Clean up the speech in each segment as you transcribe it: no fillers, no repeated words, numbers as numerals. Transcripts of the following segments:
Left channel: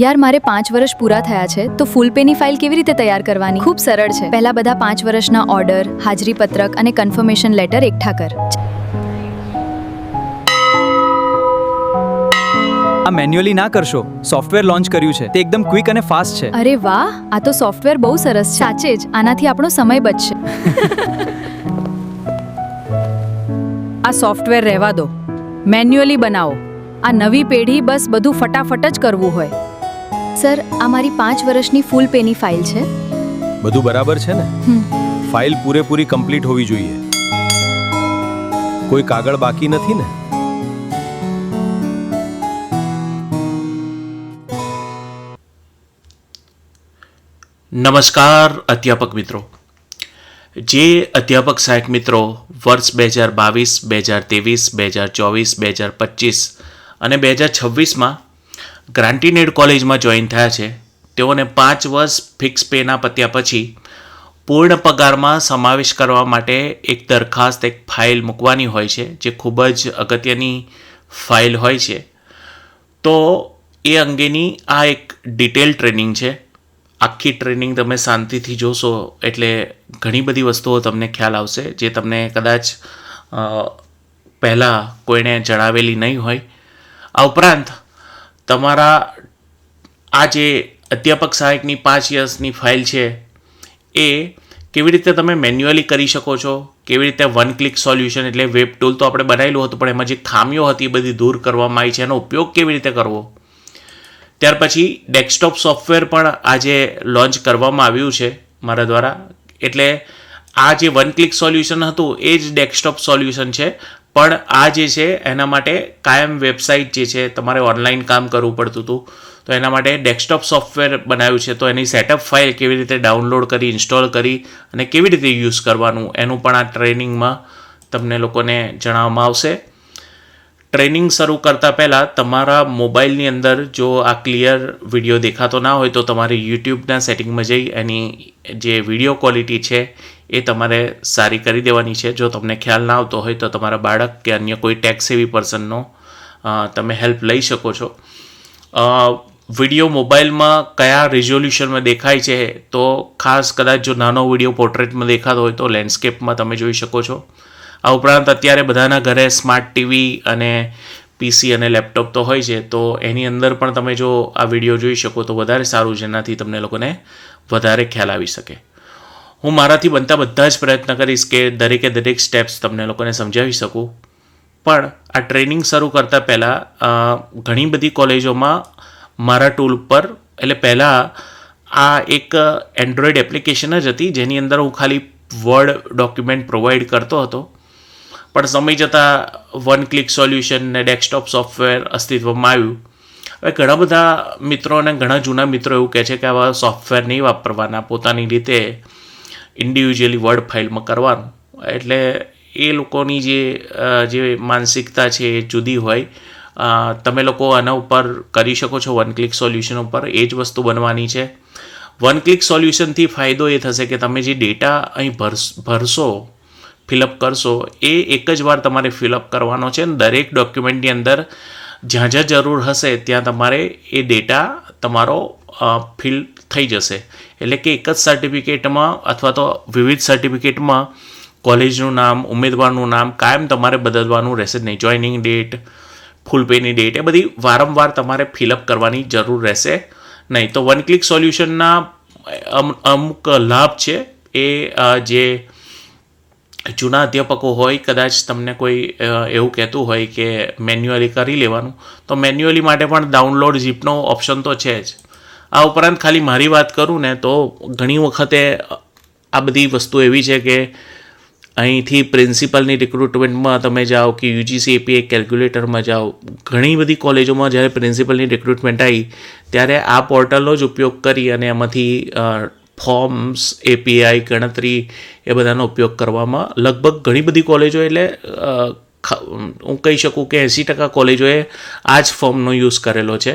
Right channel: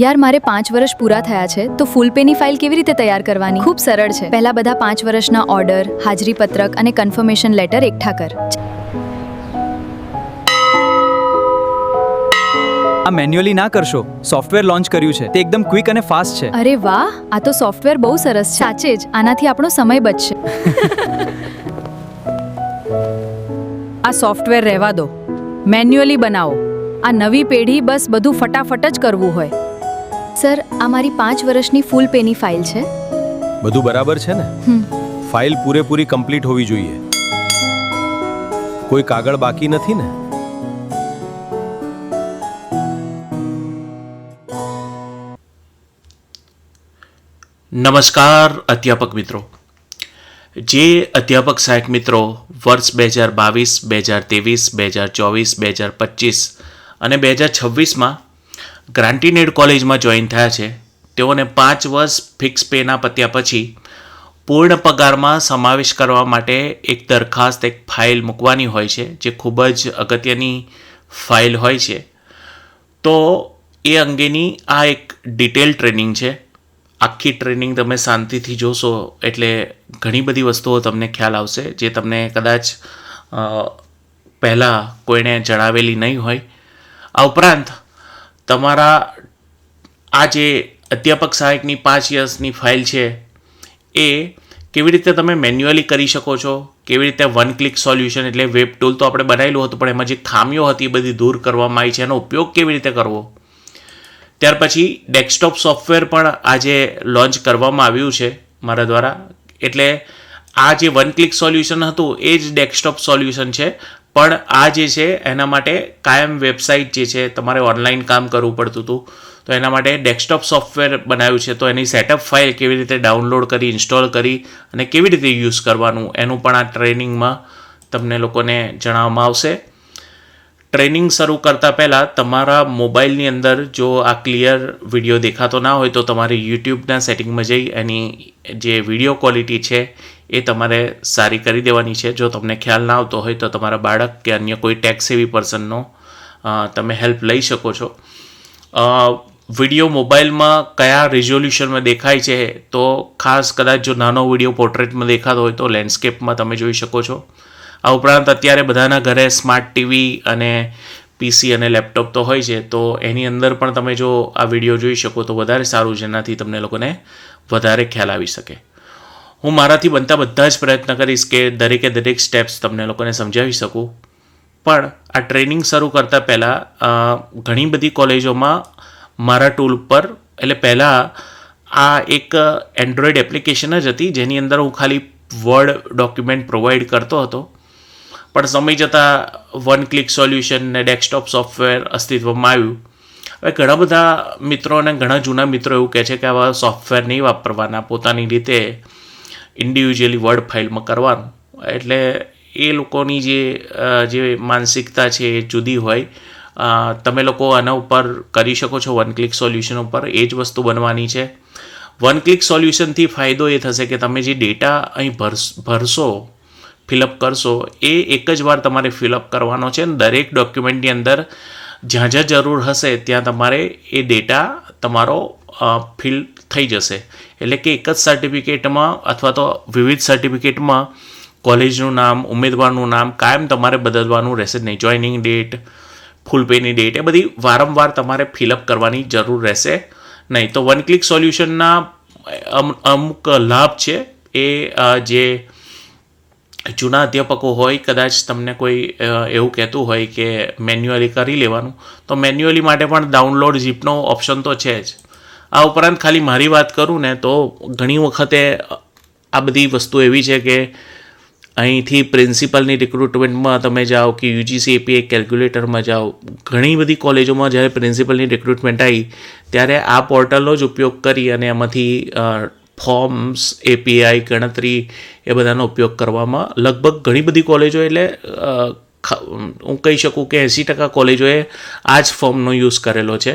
યાર મારે 5 વર્ષ પૂરા થયા છે તો ફૂલ પેની ફાઇલ કેવી રીતે તૈયાર કરવાની? ખૂબ સરળ છે. પહેલા બધા 5 વર્ષના ઓર્ડર, હાજરી પત્રક અને કન્ફર્મેશન લેટર એકઠા કર. આ મેન્યુઅલી ના કરશો. સોફ્ટવેર લોન્ચ કર્યું છે, તે એકદમ ક્વિક અને ફાસ્ટ છે. અરે વાહ, આ તો સોફ્ટવેર બહુ સરસ છે. સાચે જ આનાથી આપણો સમય બચશે. આ સોફ્ટવેર રહેવા દો, મેન્યુઅલી બનાવો. આ નવી પેઢી બસ બધું ફટાફટ જ કરવું હોય. સર, આ મારી 5 વર્ષની ફૂલ પેની ફાઇલ છે. બધું બરાબર છે ને? ફાઇલ પૂરેપૂરી કમ્પ્લીટ હોવી જોઈએ. કોઈ કાગળ બાકી નથી ને? નમસ્કાર અધ્યાપક મિત્રો. જે અધ્યાપક સહાયક મિત્રો વર્ષ 2022, 2023, 2024, 2025 અને 2026માં ગ્રાન્ટીન એડ કોલેજમાં જોઈન થયા છે, તેઓને 5 વર્ષ ફિક્સ પેના પત્યા પછી પૂર્ણ પગારમાં સમાવેશ કરવા માટે એક દરખાસ્ત, એક ફાઇલ મૂકવાની હોય છે, જે ખૂબ જ અગત્યની ફાઇલ હોય છે. તો એ અંગેની આ એક ડિટેલ ટ્રેનિંગ છે. આખી ટ્રેનિંગ તમે શાંતિથી જોશો એટલે ઘણી બધી વસ્તુઓ તમને ખ્યાલ આવશે, જે તમને કદાચ પહેલાં કોઈને જણાવેલી નહીં હોય. આ ઉપરાંત તમારા આ જે અધ્યાપક સહાયકની 5 વર્ષની ફાઇલ છે એ કેવી રીતે તમે મેન્યુઅલી કરી શકો છો, કેવી રીતે વન ક્લિક સોલ્યુશન એટલે વેબ ટૂલ તો આપણે બનાવેલું હતું, પણ એમાં જે ખામીઓ હતી એ બધી દૂર કરવામાં આવી છે, એનો ઉપયોગ કેવી રીતે કરવો. ત્યાર પછી ડેસ્કટોપ સોફ્ટવેર પણ આજે લોન્ચ કરવામાં આવ્યું છે મારા દ્વારા. એટલે આ જે વન ક્લિક સોલ્યુશન હતું એ જ ડેસ્કટોપ સોલ્યુશન છે, પણ આ જે છે એના માટે કાયમ વેબસાઇટ જે છે તમારે ઓનલાઈન કામ કરવું પડતું હતું, તો એના માટે ડેસ્કટોપ સોફ્ટવેર બનાવ્યું છે. તો એની સેટઅપ ફાઇલ કેવી રીતે ડાઉનલોડ કરી, ઇન્સ્ટોલ કરી અને કેવી રીતે યુઝ કરવાનું એનું પણ આ ટ્રેનિંગમાં તમને લોકોને જણાવવામાં આવશે. ટ્રેનિંગ શરૂ કરતાં પહેલાં તમારા મોબાઈલની અંદર જો આ ક્લિયર વિડીયો દેખાતો ના હોય તો તમારે યુટ્યુબના સેટિંગમાં જઈ એની જે વિડીયો ક્વોલિટી છે એ તમારે સારી કરી દેવાની છે. જો તમને ખ્યાલ ના આવતો હોય તો તમારા બાળક કે અન્ય કોઈ ટેક સેવી પર્સનનો તમે હેલ્પ લઈ શકો છો. વિડીયો મોબાઈલમાં કયા રિઝોલ્યુશનમાં દેખાય છે, તો ખાસ કદાચ જો નાનો વિડીયો પોર્ટ્રેટમાં દેખાતો હોય તો લેન્ડસ્કેપમાં તમે જોઈ શકો છો. આ ઉપરાંત અત્યારે બધાના ઘરે સ્માર્ટ ટીવી અને પીસી અને લેપટોપ તો હોય છે, તો એની અંદર પણ તમે જો આ વિડીયો જોઈ શકો તો વધારે સારું, જેનાથી તમને લોકોને વધારે ખ્યાલ આવી શકે. હું મારાથી બનતા બધા જ પ્રયત્ન કરીશ કે દરેકે દરેક સ્ટેપ્સ તમને લોકોને સમજાવી શકું. પણ આ ટ્રેનિંગ શરૂ કરતાં પહેલાં ઘણી બધી કોલેજોમાં મારા ટૂલ પર, એટલે પહેલાં આ એક એન્ડ્રોઈડ એપ્લિકેશન જ હતી જેની અંદર હું ખાલી વર્ડ ડોક્યુમેન્ટ પ્રોવાઈડ કરતો હતો. પણ સમય જતાં વન ક્લિક સોલ્યુશન ને ડેસ્કટોપ સોફ્ટવેર અસ્તિત્વમાં આવ્યું. હવે ઘણા બધા મિત્રો અને ઘણા જૂના મિત્રો એવું કહે છે કે આવા સોફ્ટવેર નહીં વાપરવાના, પોતાની રીતે ઇન્ડિવિજ્યુઅલી વર્ડ ફાઇલમાં કરવાનું. એટલે એ લોકોની જે માનસિકતા છે એ જુદી હોય. તમે લોકો આના ઉપર કરી શકો છો વન ક્લિક સોલ્યુશન ઉપર, એ જ વસ્તુ બનવાની છે. વન ક્લિક સોલ્યુશનથી ફાયદો એ થશે કે તમે જે ડેટા અહીં ભરશો, ફિલઅપ કરશો, એ એક જ વાર તમારે ફિલઅપ કરવાનો છે. દરેક ડોક્યુમેન્ટની અંદર જ્યાં જ્યાં જરૂર હશે ત્યાં તમારે એ ડેટા તમારો ફિલ થઈ જશે. એટલે કે એક જ સર્ટિફિકેટમાં અથવા તો વિવિધ સર્ટિફિકેટમાં કોલેજનું નામ, ઉમેદવારનું નામ કાયમ તમારે બદલવાનું રહેશે નહીં. જોઈનિંગ ડેટ, ફૂલ પેની ડેટ એ બધી વારંવાર તમારે ફિલઅપ કરવાની જરૂર રહેશે નહીં. તો વન ક્લિક સોલ્યુશનના અમુક લાભ છે. એ જે જૂના અધ્યાપકો હોય, કદાચ તમને કોઈ એવું કહેતું હોય કે મેન્યુઅલી કરી લેવાનું, તો મેન્યુઅલી માટે પણ ડાઉનલોડ ઝીપનો ઓપ્શન તો છે જ. આ ઉપરાંત ખાલી મારી વાત કરું ને તો ઘણી વખતે આ બધી વસ્તુ એવી છે કે અહીંથી પ્રિન્સિપલની રિક્રુટમેન્ટમાં તમે જાઓ કે યુજીસી એપીઆઈ કેલ્ક્યુલેટરમાં જાઓ, ઘણી બધી કોલેજોમાં જ્યારે પ્રિન્સિપલની રિક્રુટમેન્ટ આવી ત્યારે આ પોર્ટલનો જ ઉપયોગ કરી અને એમાંથી ફોર્મ્સ, એપીઆઈ, ગણતરી એ બધાનો ઉપયોગ કરવામાં લગભગ ઘણી બધી કોલેજો, એટલે હું કહી શકું કે 80% કોલેજોએ આ જ ફોર્મનો યુઝ કરેલો છે.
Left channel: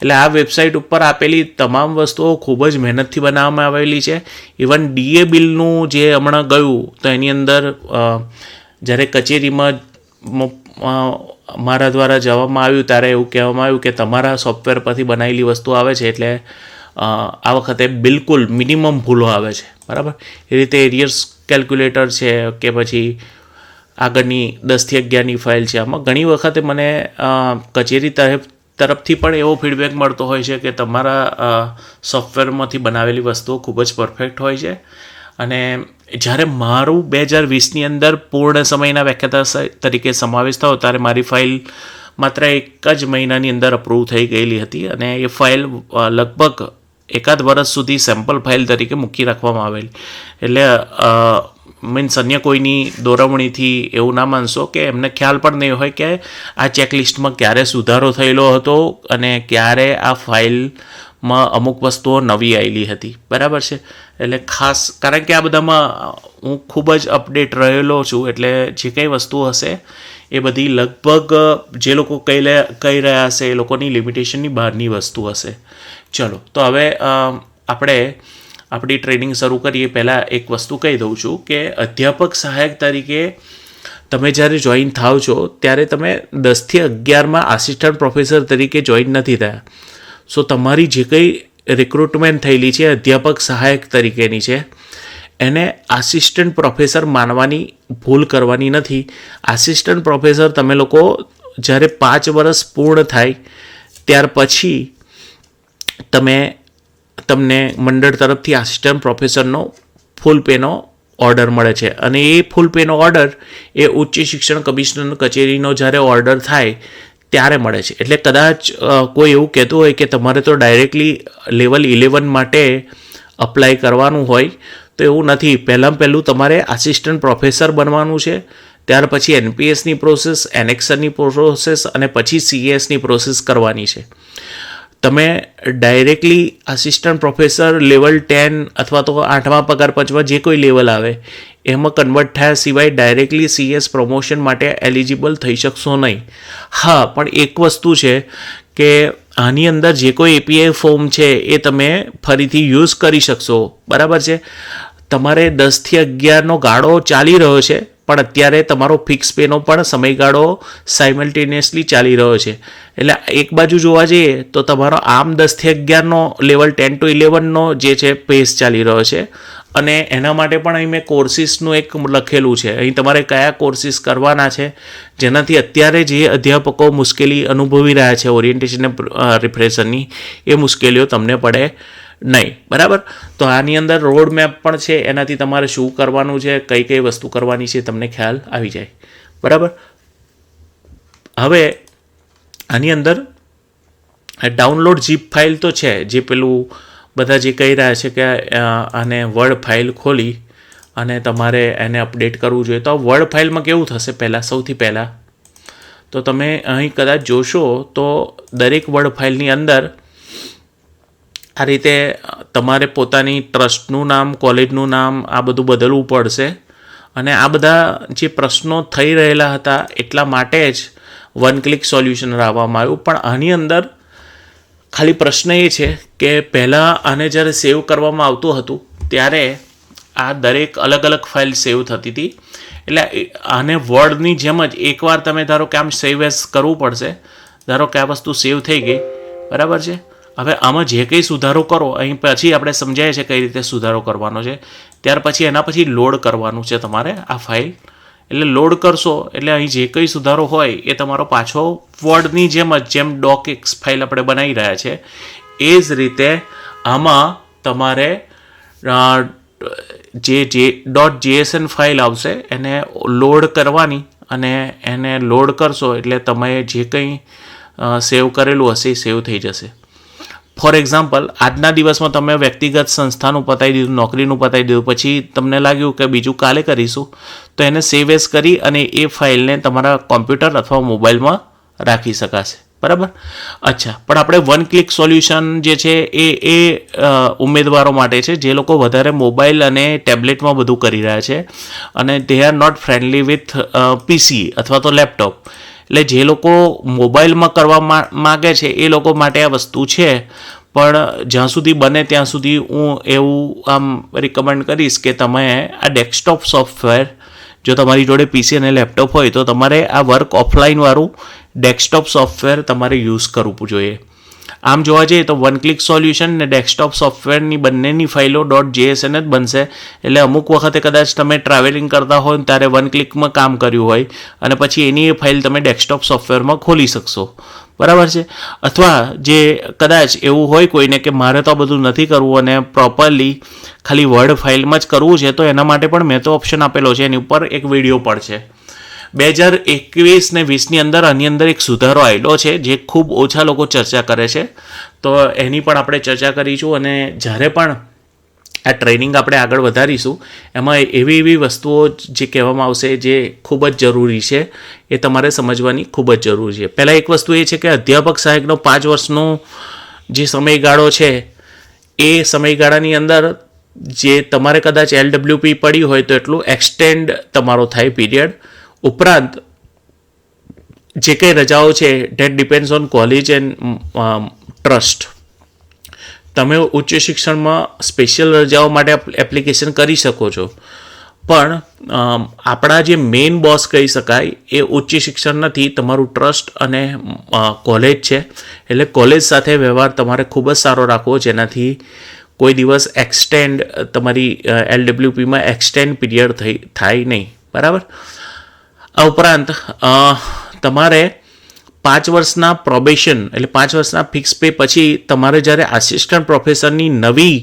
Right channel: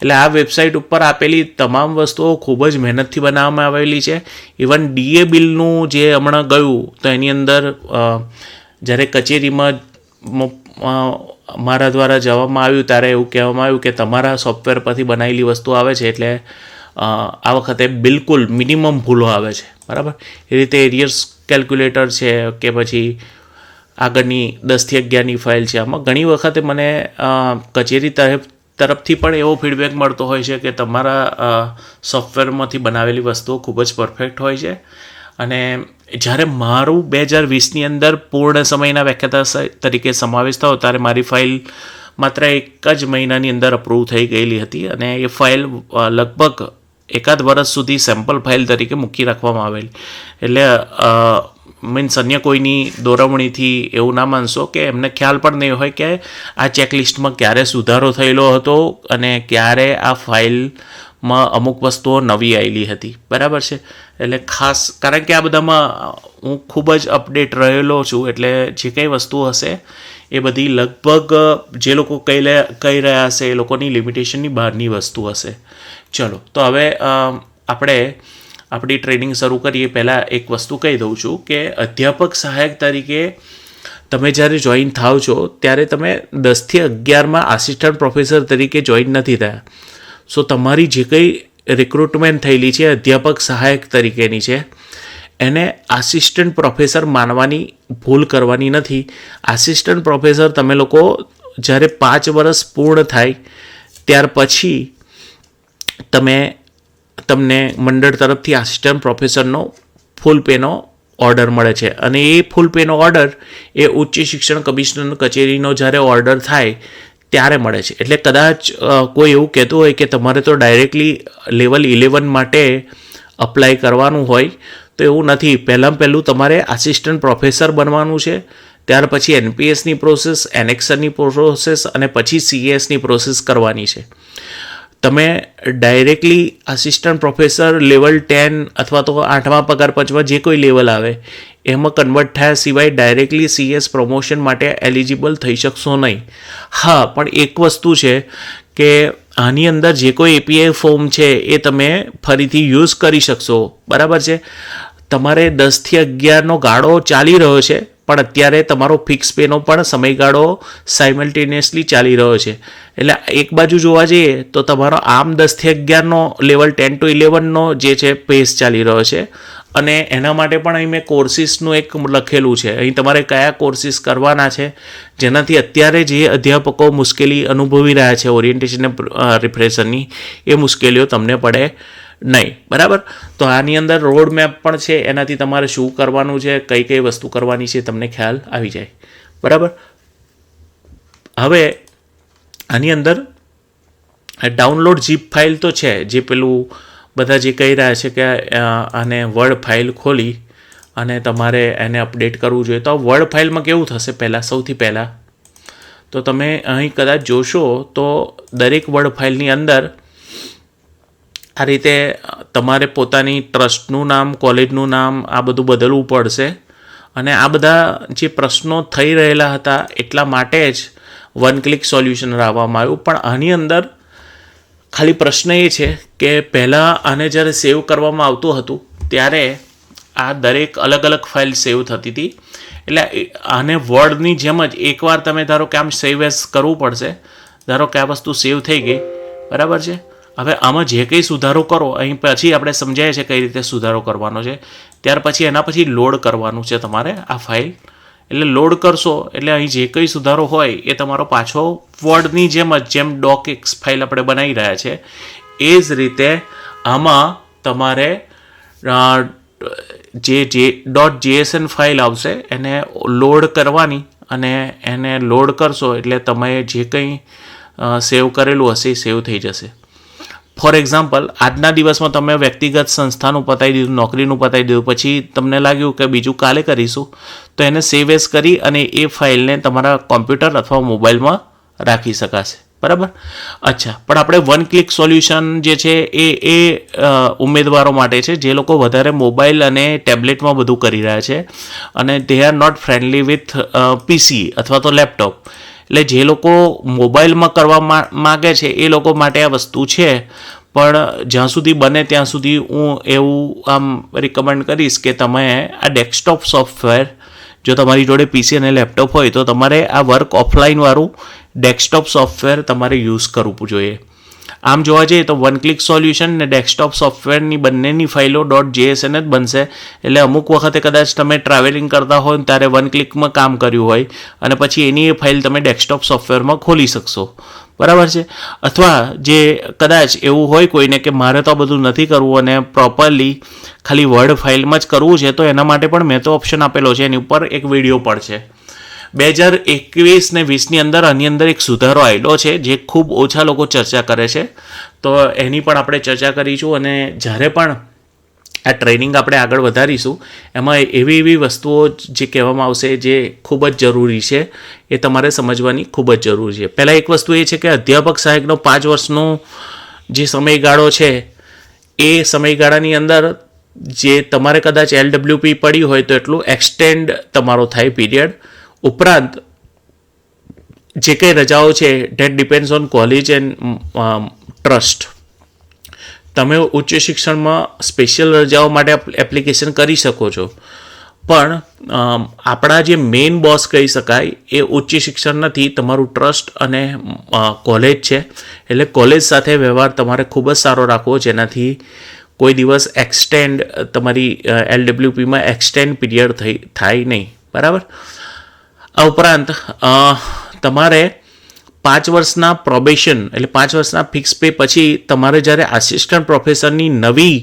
એટલે આ વેબસાઇટ ઉપર આપેલી તમામ વસ્તુઓ ખૂબ જ મહેનતથી બનાવવામાં આવેલી છે. ઇવન ડીએ બિલનું જે હમણાં ગયું તો એની અંદર જ્યારે કચેરીમાં મારા દ્વારા જવામાં આવ્યું ત્યારે એવું કહેવામાં આવ્યું કે તમારા સોફ્ટવેર પરથી બનાવેલી વસ્તુ આવે છે એટલે આ વખતે બિલકુલ મિનિમમ ભૂલો આવે છે, બરાબર. એ રીતે એરિયર્સ કેલ્ક્યુલેટર છે કે પછી આગળની 10 થી 11ની ફાઇલ છે, આમાં ઘણી વખતે મને કચેરી તરફથી પણ એવો ફીડબેક મળતો હોય છે કે તમારા સોફ્ટવેરમાંથી બનાવેલી વસ્તુઓ ખૂબ જ પરફેક્ટ હોય છે. અને જ્યારે મારું 2020ની અંદર પૂર્ણ સમયના વ્યાખ્યાતા તરીકે સમાવેશ થયો ત્યારે મારી ફાઇલ માત્ર 1 જ મહિનાની અંદર અપ્રૂવ થઈ ગયેલી હતી અને એ ફાઇલ લગભગ 1.5 વર્ષ સુધી સેમ્પલ ફાઇલ તરીકે મૂકી રાખવામાં આવેલી. એટલે મીન્સ અન્ય કોઈની દોરવણીથી એવું ના માનશો કે એમને ખ્યાલ પણ નહીં હોય કે આ ચેકલિસ્ટમાં ક્યારે સુધારો થયેલો હતો અને ક્યારે આ ફાઇલમાં અમુક વસ્તુઓ નવી આવેલી હતી, બરાબર છે. એટલે ખાસ કારણ કે આ બધામાં હું ખૂબ જ અપડેટ રહેલો છું, એટલે જે કંઈ વસ્તુ હશે એ બધી લગભગ જે લોકો કહી રહ્યા હશે એ લોકોની લિમિટેશનની બહારની વસ્તુ હશે. ચલો, તો હવે આપણે આપણી ટ્રેનિંગ શરૂ કરીએ પહેલાં એક વસ્તુ કહી દઉં છું કે અધ્યાપક સહાયક તરીકે તમે જ્યારે જોઈન થાવ છો ત્યારે તમે 10 થી 11માં આસિસ્ટન્ટ પ્રોફેસર તરીકે જોઈન નથી થયા. સો તમારી જે કંઈ રિક્રુટમેન્ટ થયેલી છે અધ્યાપક સહાયક તરીકેની છે એને આસિસ્ટન્ટ પ્રોફેસર માનવાની ભૂલ કરવાની નથી. આસિસ્ટન્ટ પ્રોફેસર તમે લોકો જ્યારે 5 વર્ષ પૂર્ણ થાય ત્યાર પછી તમને મંડળ તરફથી આસિસ્ટન્ટ પ્રોફેસરનો ફૂલ પેનો ઓર્ડર મળે છે અને એ ફૂલ પેનો ઓર્ડર એ ઉચ્ચ શિક્ષણ કમિશનર કચેરીનો જ્યારે ઓર્ડર થાય ત્યારે મળે છે. એટલે કદાચ કોઈ એવું કહેતું હોય કે તમારે તો ડાયરેક્ટલી લેવલ 11 માટે અપ્લાય કરવાનું હોય તો એવું નથી. પહેલું તમારે આસિસ્ટન્ટ પ્રોફેસર બનવાનું છે, ત્યાર પછી એનપીએસની પ્રોસેસ, એનેક્સરની પ્રોસેસ અને પછી સીએસની પ્રોસેસ કરવાની છે. તમે ડાયરેક્ટલી આસિસ્ટન્ટ પ્રોફેસર લેવલ 10 અથવા તો 8મા પગાર પંચમાં જે કોઈ લેવલ આવે એમાં કન્વર્ટ થયા સિવાય ડાયરેક્ટલી સીએસ પ્રમોશન માટે એલિજિબલ થઈ શકશો નહીં. હા, પણ એક વસ્તુ છે કે આની અંદર જે કોઈ એપીઆઈ ફોર્મ છે એ તમે ફરીથી યુઝ કરી શકશો, બરાબર છે. તમારે 10 થી 11નો ગાળો ચાલી રહ્યો છે પણ અત્યારે તમારો ફિક્સ પેનો પણ સમયગાળો સાયમલ્ટેનિયસલી ચાલી રહ્યો છે. એટલે એક બાજુ જોવા જઈએ તો તમારો આમ 10 થી 11નો લેવલ 10 to 11નો જે છે પેસ ચાલી રહ્યો છે અને એના માટે પણ અહીં મેં કોર્સિસનું એક લખેલું છે. અહીં તમારે કયા કોર્સિસ કરવાના છે જેનાથી અત્યારે જે અધ્યાપકો મુશ્કેલી અનુભવી રહ્યા છે ઓરિએન્ટેશન અને રિફ્રેશરની એ મુશ્કેલીઓ તમને પડે નહીં, બરાબર. તો આની અંદર રોડ મેપ પણ છે, એનાથી તમારે શું કરવાનું છે, કઈ કઈ વસ્તુ કરવાની છે તમને ખ્યાલ આવી જાય, બરાબર. હવે આની અંદર ડાઉનલોડ ઝીપ ફાઇલ તો છે, જે પેલું બધા જે કહી રહ્યા છે કે આને વર્ડ ફાઇલ ખોલી અને તમારે એને અપડેટ કરવું જોઈએ. તો વર્ડ ફાઇલમાં કેવું થશે, સૌથી પહેલાં તો તમે અહીં કદાચ જોશો તો દરેક વર્ડ ફાઇલની અંદર આ રીતે તમારે પોતાની ટ્રસ્ટનું નામ, કોલેજનું નામ આ બધું બદલવું પડશે. અને આ બધા જે પ્રશ્નો થઈ રહેલા હતા એટલા માટે જ વન ક્લિક સોલ્યુશન લાવવામાં આવ્યું. પણ આની અંદર ખાલી પ્રશ્ન એ છે કે પહેલાં આને જ્યારે સેવ કરવામાં આવતું હતું ત્યારે આ દરેક અલગ અલગ ફાઇલ સેવ થતી હતી. એટલે આને વર્ડની જેમ જ એકવાર તમે ધારો કે આમ સેવ એઝ કરવું પડશે. ધારો કે આ વસ્તુ સેવ થઈ ગઈ, બરાબર છે. હવે આમાં જે કંઈ સુધારો કરો અહીં પછી આપણે સમજાય છે કઈ રીતે સુધારો કરવાનો છે. ત્યાર પછી એના પછી લોડ કરવાનું છે તમારે આ ફાઇલ. એટલે લોડ કરશો એટલે અહીં જે કંઈ સુધારો હોય એ તમારો પાછો વર્ડની જેમ ડોકએક્સ ફાઇલ આપણે બનાવી રહ્યા છે એ જ રીતે આમાં તમારે જે .jsn ફાઇલ આવશે એને લોડ કરવાની અને એને લોડ કરશો એટલે તમે જે કંઈ સેવ કરેલું હશે એ સેવ થઈ જશે. ફોર એક્ઝામ્પલ, આજના દિવસમાં તમે વ્યક્તિગત સંસ્થાનું પતાવી દીધું, નોકરીનું પતાવી દીધું, પછી તમને લાગ્યું કે બીજું કાલે કરીશું, તો એને સેવ એઝ કરી અને એ ફાઇલને તમારા કોમ્પ્યુટર અથવા મોબાઈલમાં રાખી શકાશે, બરાબર. અચ્છા, પણ આપણે વન ક્લિક સોલ્યુશન જે છે એ ઉમેદવારો માટે છે જે લોકો વધારે મોબાઈલ અને ટેબ્લેટમાં બધું કરી રહ્યા છે અને they are not friendly with PC અથવા તો લેપટોપ. એટલે જે લોકો મોબાઈલમાં કરવા માગે છે એ લોકો માટે આ વસ્તુ છે. પણ જ્યાં સુધી બને ત્યાં સુધી હું એવું આમ રિકમેન્ડ કરીશ કે તમે આ ડેસ્કટોપ સોફ્ટવેર જો તમારી જોડે પીસી અને લેપટોપ હોય તો તમારે આ વર્ક ઓફલાઈનવાળું ડેસ્કટોપ સોફ્ટવેર તમારે યુઝ કરવું જોઈએ. આમ જોવા જઈએ તો વન ક્લિક સોલ્યુશન ને ડેસ્કટોપ સોફ્ટવેરની બંનેની ફાઇલો .jsn જ બનશે. એટલે અમુક વખતે કદાચ તમે ટ્રાવેલિંગ કરતા હોય ત્યારે વન ક્લિકમાં કામ કર્યું હોય અને પછી એની એ ફાઇલ તમે ડેસ્કટોપ સોફ્ટવેરમાં ખોલી શકશો. બરાબર છે. અથવા જે કદાચ એવું હોય કોઈને કે મારે તો આ બધું નથી કરવું અને પ્રોપરલી ખાલી વર્ડ ફાઇલમાં જ કરવું છે, તો એના માટે પણ મેં તો ઓપ્શન આપેલો છે, એની ઉપર એક વિડીયો પણ છે. 2021 ને 20ની અંદર આની અંદર એક સુધારો આવેલો છે જે ખૂબ ઓછા લોકો ચર્ચા કરે છે, તો એની પણ આપણે ચર્ચા કરીશું. અને જ્યારે પણ આ ટ્રેનિંગ આપણે આગળ વધારીશું એમાં એવી વસ્તુઓ જે કહેવામાં આવશે જે ખૂબ જ જરૂરી છે એ તમારે સમજવાની ખૂબ જ જરૂરી છે. પહેલાં એક વસ્તુ એ છે કે અધ્યાપક સહાયકનો 5 વર્ષનો જે સમયગાળો છે એ સમયગાળાની અંદર જે તમારે કદાચ LWP પડી હોય તો એટલું એક્સટેન્ડ તમારો થાય પીરિયડ. ઉપરાંત જે કંઈ રજાઓ છે date depends on college and trust. તમે ઉચ્ચ શિક્ષણમાં સ્પેશિયલ રજાઓ માટે એપ્લિકેશન કરી શકો છો, પણ આપણા જે મેઇન બોસ કહી શકાય એ ઉચ્ચ શિક્ષણ નથી, તમારું ટ્રસ્ટ અને કોલેજ છે. એટલે કોલેજ સાથે વ્યવહાર તમારે ખૂબ જ સારો રાખવો, જેનાથી કોઈ દિવસ એક્સટેન્ડ તમારી LWPમાં એક્સટેન્ડ પીરિયડ થાય નહીં. બરાબર. આ ઉપરાંત તમારે 5 વર્ષના પ્રોબેશન એટલે 5 વર્ષના ફિક્સ પે પછી તમારે જ્યારે આસિસ્ટન્ટ પ્રોફેસરની નવી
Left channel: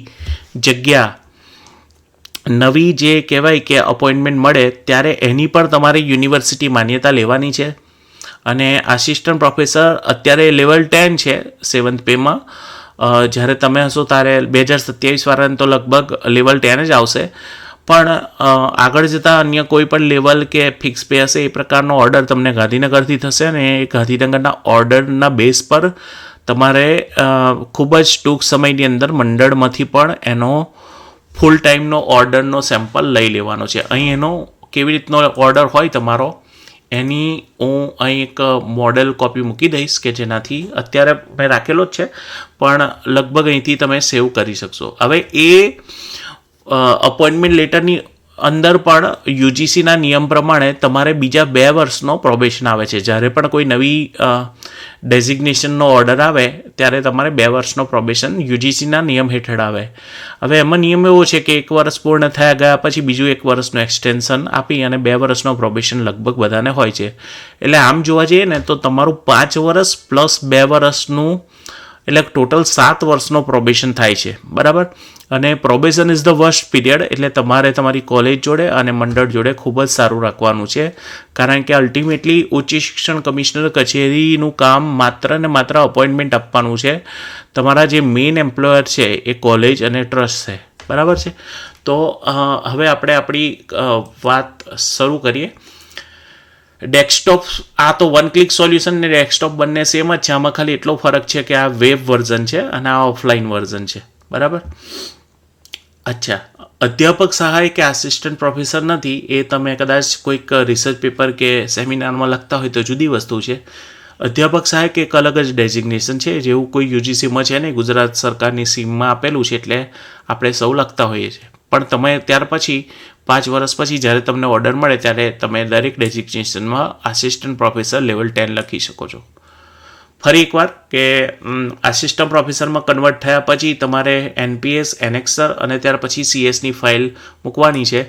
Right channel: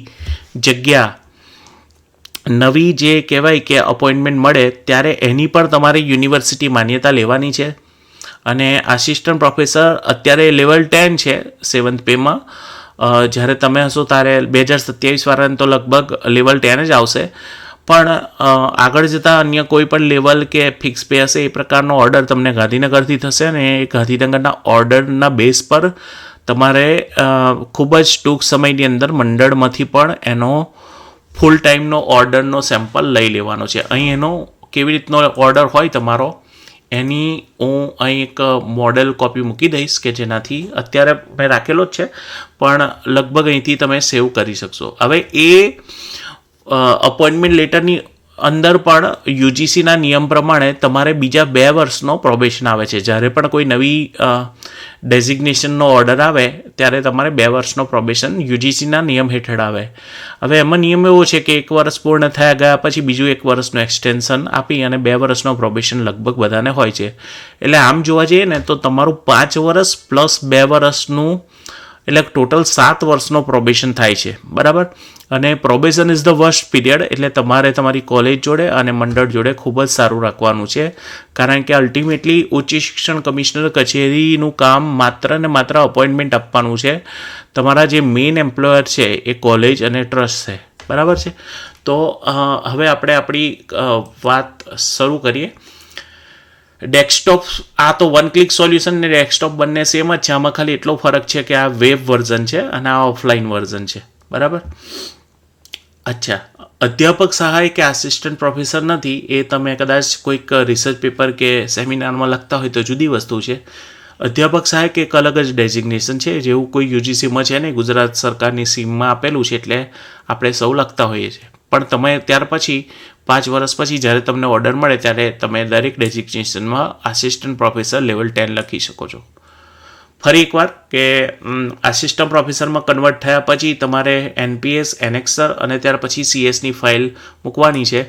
જે કહેવાય કે અપોઇન્ટમેન્ટ મળે ત્યારે એની પણ તમારે યુનિવર્સિટી માન્યતા લેવાની છે. અને આસિસ્ટન્ટ પ્રોફેસર અત્યારે લેવલ 10 છે 7th પેમાં. જ્યારે તમે હશો ત્યારે 2027 વાળાને તો લગભગ લેવલ 10 જ આવશે, પણ આગળ જતાં અન્ય કોઈ પણ લેવલ કે ફિક્સ પે હશે એ પ્રકારનો ઓર્ડર તમને ગાંધીનગરથી થશે અને એ ગાંધીનગરના ઓર્ડરના બેઝ પર તમારે ખૂબ જ ટૂંક સમયની અંદર મંડળમાંથી પણ એનો ફૂલ ટાઈમનો ઓર્ડરનો સેમ્પલ લઈ લેવાનો છે. અહીં એનો કેવી રીતનો ઓર્ડર હોય તમારો એની હું અહીં એક મોડેલ કોપી મૂકી દઈશ કે જેનાથી અત્યારે મેં રાખેલો જ છે, પણ લગભગ અહીંથી તમે સેવ કરી શકશો. હવે એ અપોઇન્ટમેન્ટ લેટરની અંદર પણ યુજીસીના નિયમ પ્રમાણે તમારે બીજા 2 વર્ષનો પ્રોબેશન આવે છે. જ્યારે પણ કોઈ નવી ડેઝિગ્નેશનનો ઓર્ડર આવે ત્યારે તમારે 2 વર્ષનો પ્રોબેશન યુજીસીના નિયમ હેઠળ આવે. હવે એમાં નિયમ એવો છે કે 1 વર્ષ પૂર્ણ થયા ગયા પછી બીજું 1 વર્ષનું એક્સટેન્શન આપી અને 2 વર્ષનો પ્રોબેશન લગભગ બધાને હોય છે. એટલે આમ જોવા જઈએ ને તો તમારું 5 વર્ષ પ્લસ 2 વર્ષનું એટલે ટોટલ 7 વર્ષનો પ્રોબેશન થાય છે. બરાબર. અને probation is the worst period, એટલે તમારે તમારી કોલેજ જોડે અને મંડળ જોડે ખૂબ જ સારું રાખવાનું છે, કારણ કે અલ્ટિમેટલી ઉચ્ચ શિક્ષણ કમિશનર કચેરીનું કામ માત્ર ને માત્ર અપોઇન્ટમેન્ટ આપવાનું છે. તમારા જે મેઇન એમ્પ્લોયર છે એ કોલેજ અને ટ્રસ્ટ છે. બરાબર છે. તો હવે આપણે આપણી વાત શરૂ કરીએ. ડેસ્કટોપ, આ તો વન ક્લિક સોલ્યુશન ને ડેસ્કટોપ બંને સેમ જ છે. આમાં ખાલી એટલો ફરક છે કે આ વેબ વર્ઝન છે અને આ ઓફલાઈન વર્ઝન છે. બરાબર. અચ્છા, અધ્યાપક સહાય કે આસિસ્ટન્ટ પ્રોફેસર નથી એ તમે કદાચ કોઈક રિસર્ચ પેપર કે સેમિનારમાં લખતા હોય તો જુદી વસ્તુ છે. અધ્યાપક સહાયક એક અલગ જ ડેઝિગ્નેશન છે, જેવું કોઈ યુજીસીમાં છે નહીં, ગુજરાત સરકારની સ્કીમમાં આપેલું છે એટલે આપણે સૌ લખતા હોઈએ છીએ. પણ તમે ત્યાર પછી 5 વર્ષ પછી જ્યારે તમને ઓર્ડર મળે ત્યારે તમે દરેક ડેઝિગ્નેશનમાં આસિસ્ટન્ટ પ્રોફેસર લેવલ 10 લખી શકો છો. ફરી એકવાર કે આસિસ્ટન્ટ પ્રોફેસરમાં કન્વર્ટ થયા પછી તમારે NPS, એનેક્સર અને ત્યાર પછી CSની ફાઇલ મૂકવાની છે.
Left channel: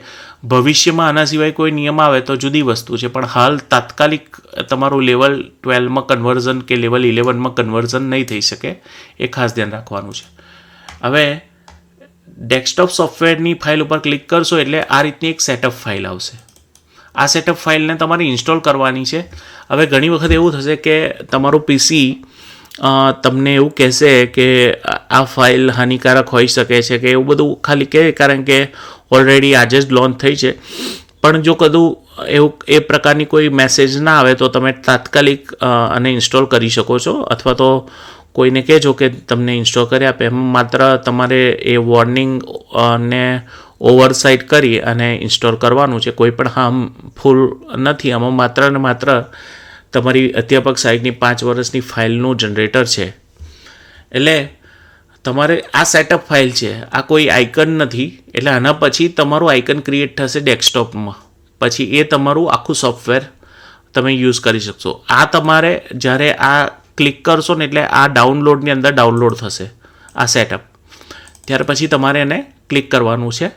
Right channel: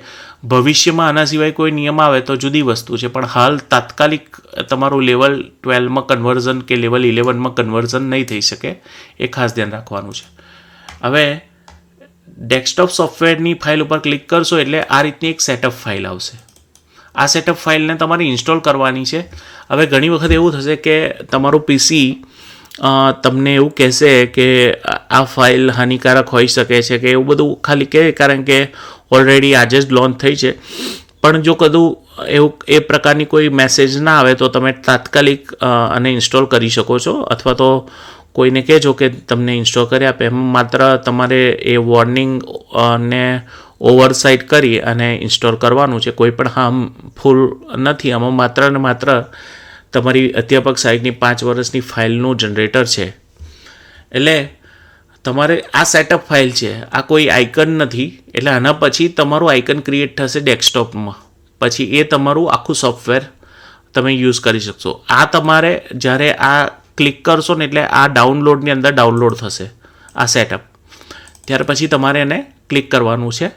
ભવિષ્યમાં આના સિવાય કોઈ નિયમ આવે તો જુદી વસ્તુ છે, પણ હાલ તાત્કાલિક તમારું લેવલ 12માં કન્વર્ઝન કે લેવલ 11માં કન્વર્ઝન નહીં થઈ શકે, એ ખાસ ધ્યાન રાખવાનું છે. હવે ડેસ્કટોપ સોફ્ટવેરની ફાઇલ ઉપર ક્લિક કરશો એટલે આ રીતની એક સેટઅપ ફાઇલ આવશે. આ સેટઅપ ફાઇલને તમારે ઇન્સ્ટોલ કરવાની છે. હવે ઘણી વખત એવું થશે કે તમારું PC તમને એવું કહેશે કે આ ફાઇલ હાનિકારક હોઈ શકે છે કે એવું બધું ખાલી કહે, કારણ કે ઓલરેડી આજે જ લોન્ચ થઈ છે. પણ જો કદું એવું એ પ્રકારની કોઈ મેસેજ ના આવે તો તમે તાત્કાલિક આને ઇન્સ્ટોલ કરી શકો છો, અથવા તો કોઈને કહેજો કે તમને ઇન્સ્ટોલ કરી આપે. એમ માત્ર તમારે એ વોર્નિંગ ને ઓવરસાઇટ કરી અને ઇન્સ્ટોલ કરવાનું છે. કોઈ પણ હાર્મફુલ નથી. આમાં માત્ર ને માત્ર તમારી અધ્યાપક સહાયકની 5 વર્ષની ફાઇલનું જનરેટર છે. એટલે તમારે આ સેટઅપ ફાઇલ છે, આ કોઈ આઇકન નથી. એટલે આના પછી તમારું આઇકન ક્રિએટ થશે ડેસ્કટોપમાં. પછી એ તમારું આખું સોફ્ટવેર તમે યુઝ કરી શકશો. આ તમારે જ્યારે આ ક્લિક કરશો ને એટલે આ ડાઉનલોડની અંદર ડાઉનલોડ થશે આ સેટઅપ. ત્યાર પછી તમારે એને ક્લિક કરવાનું છે.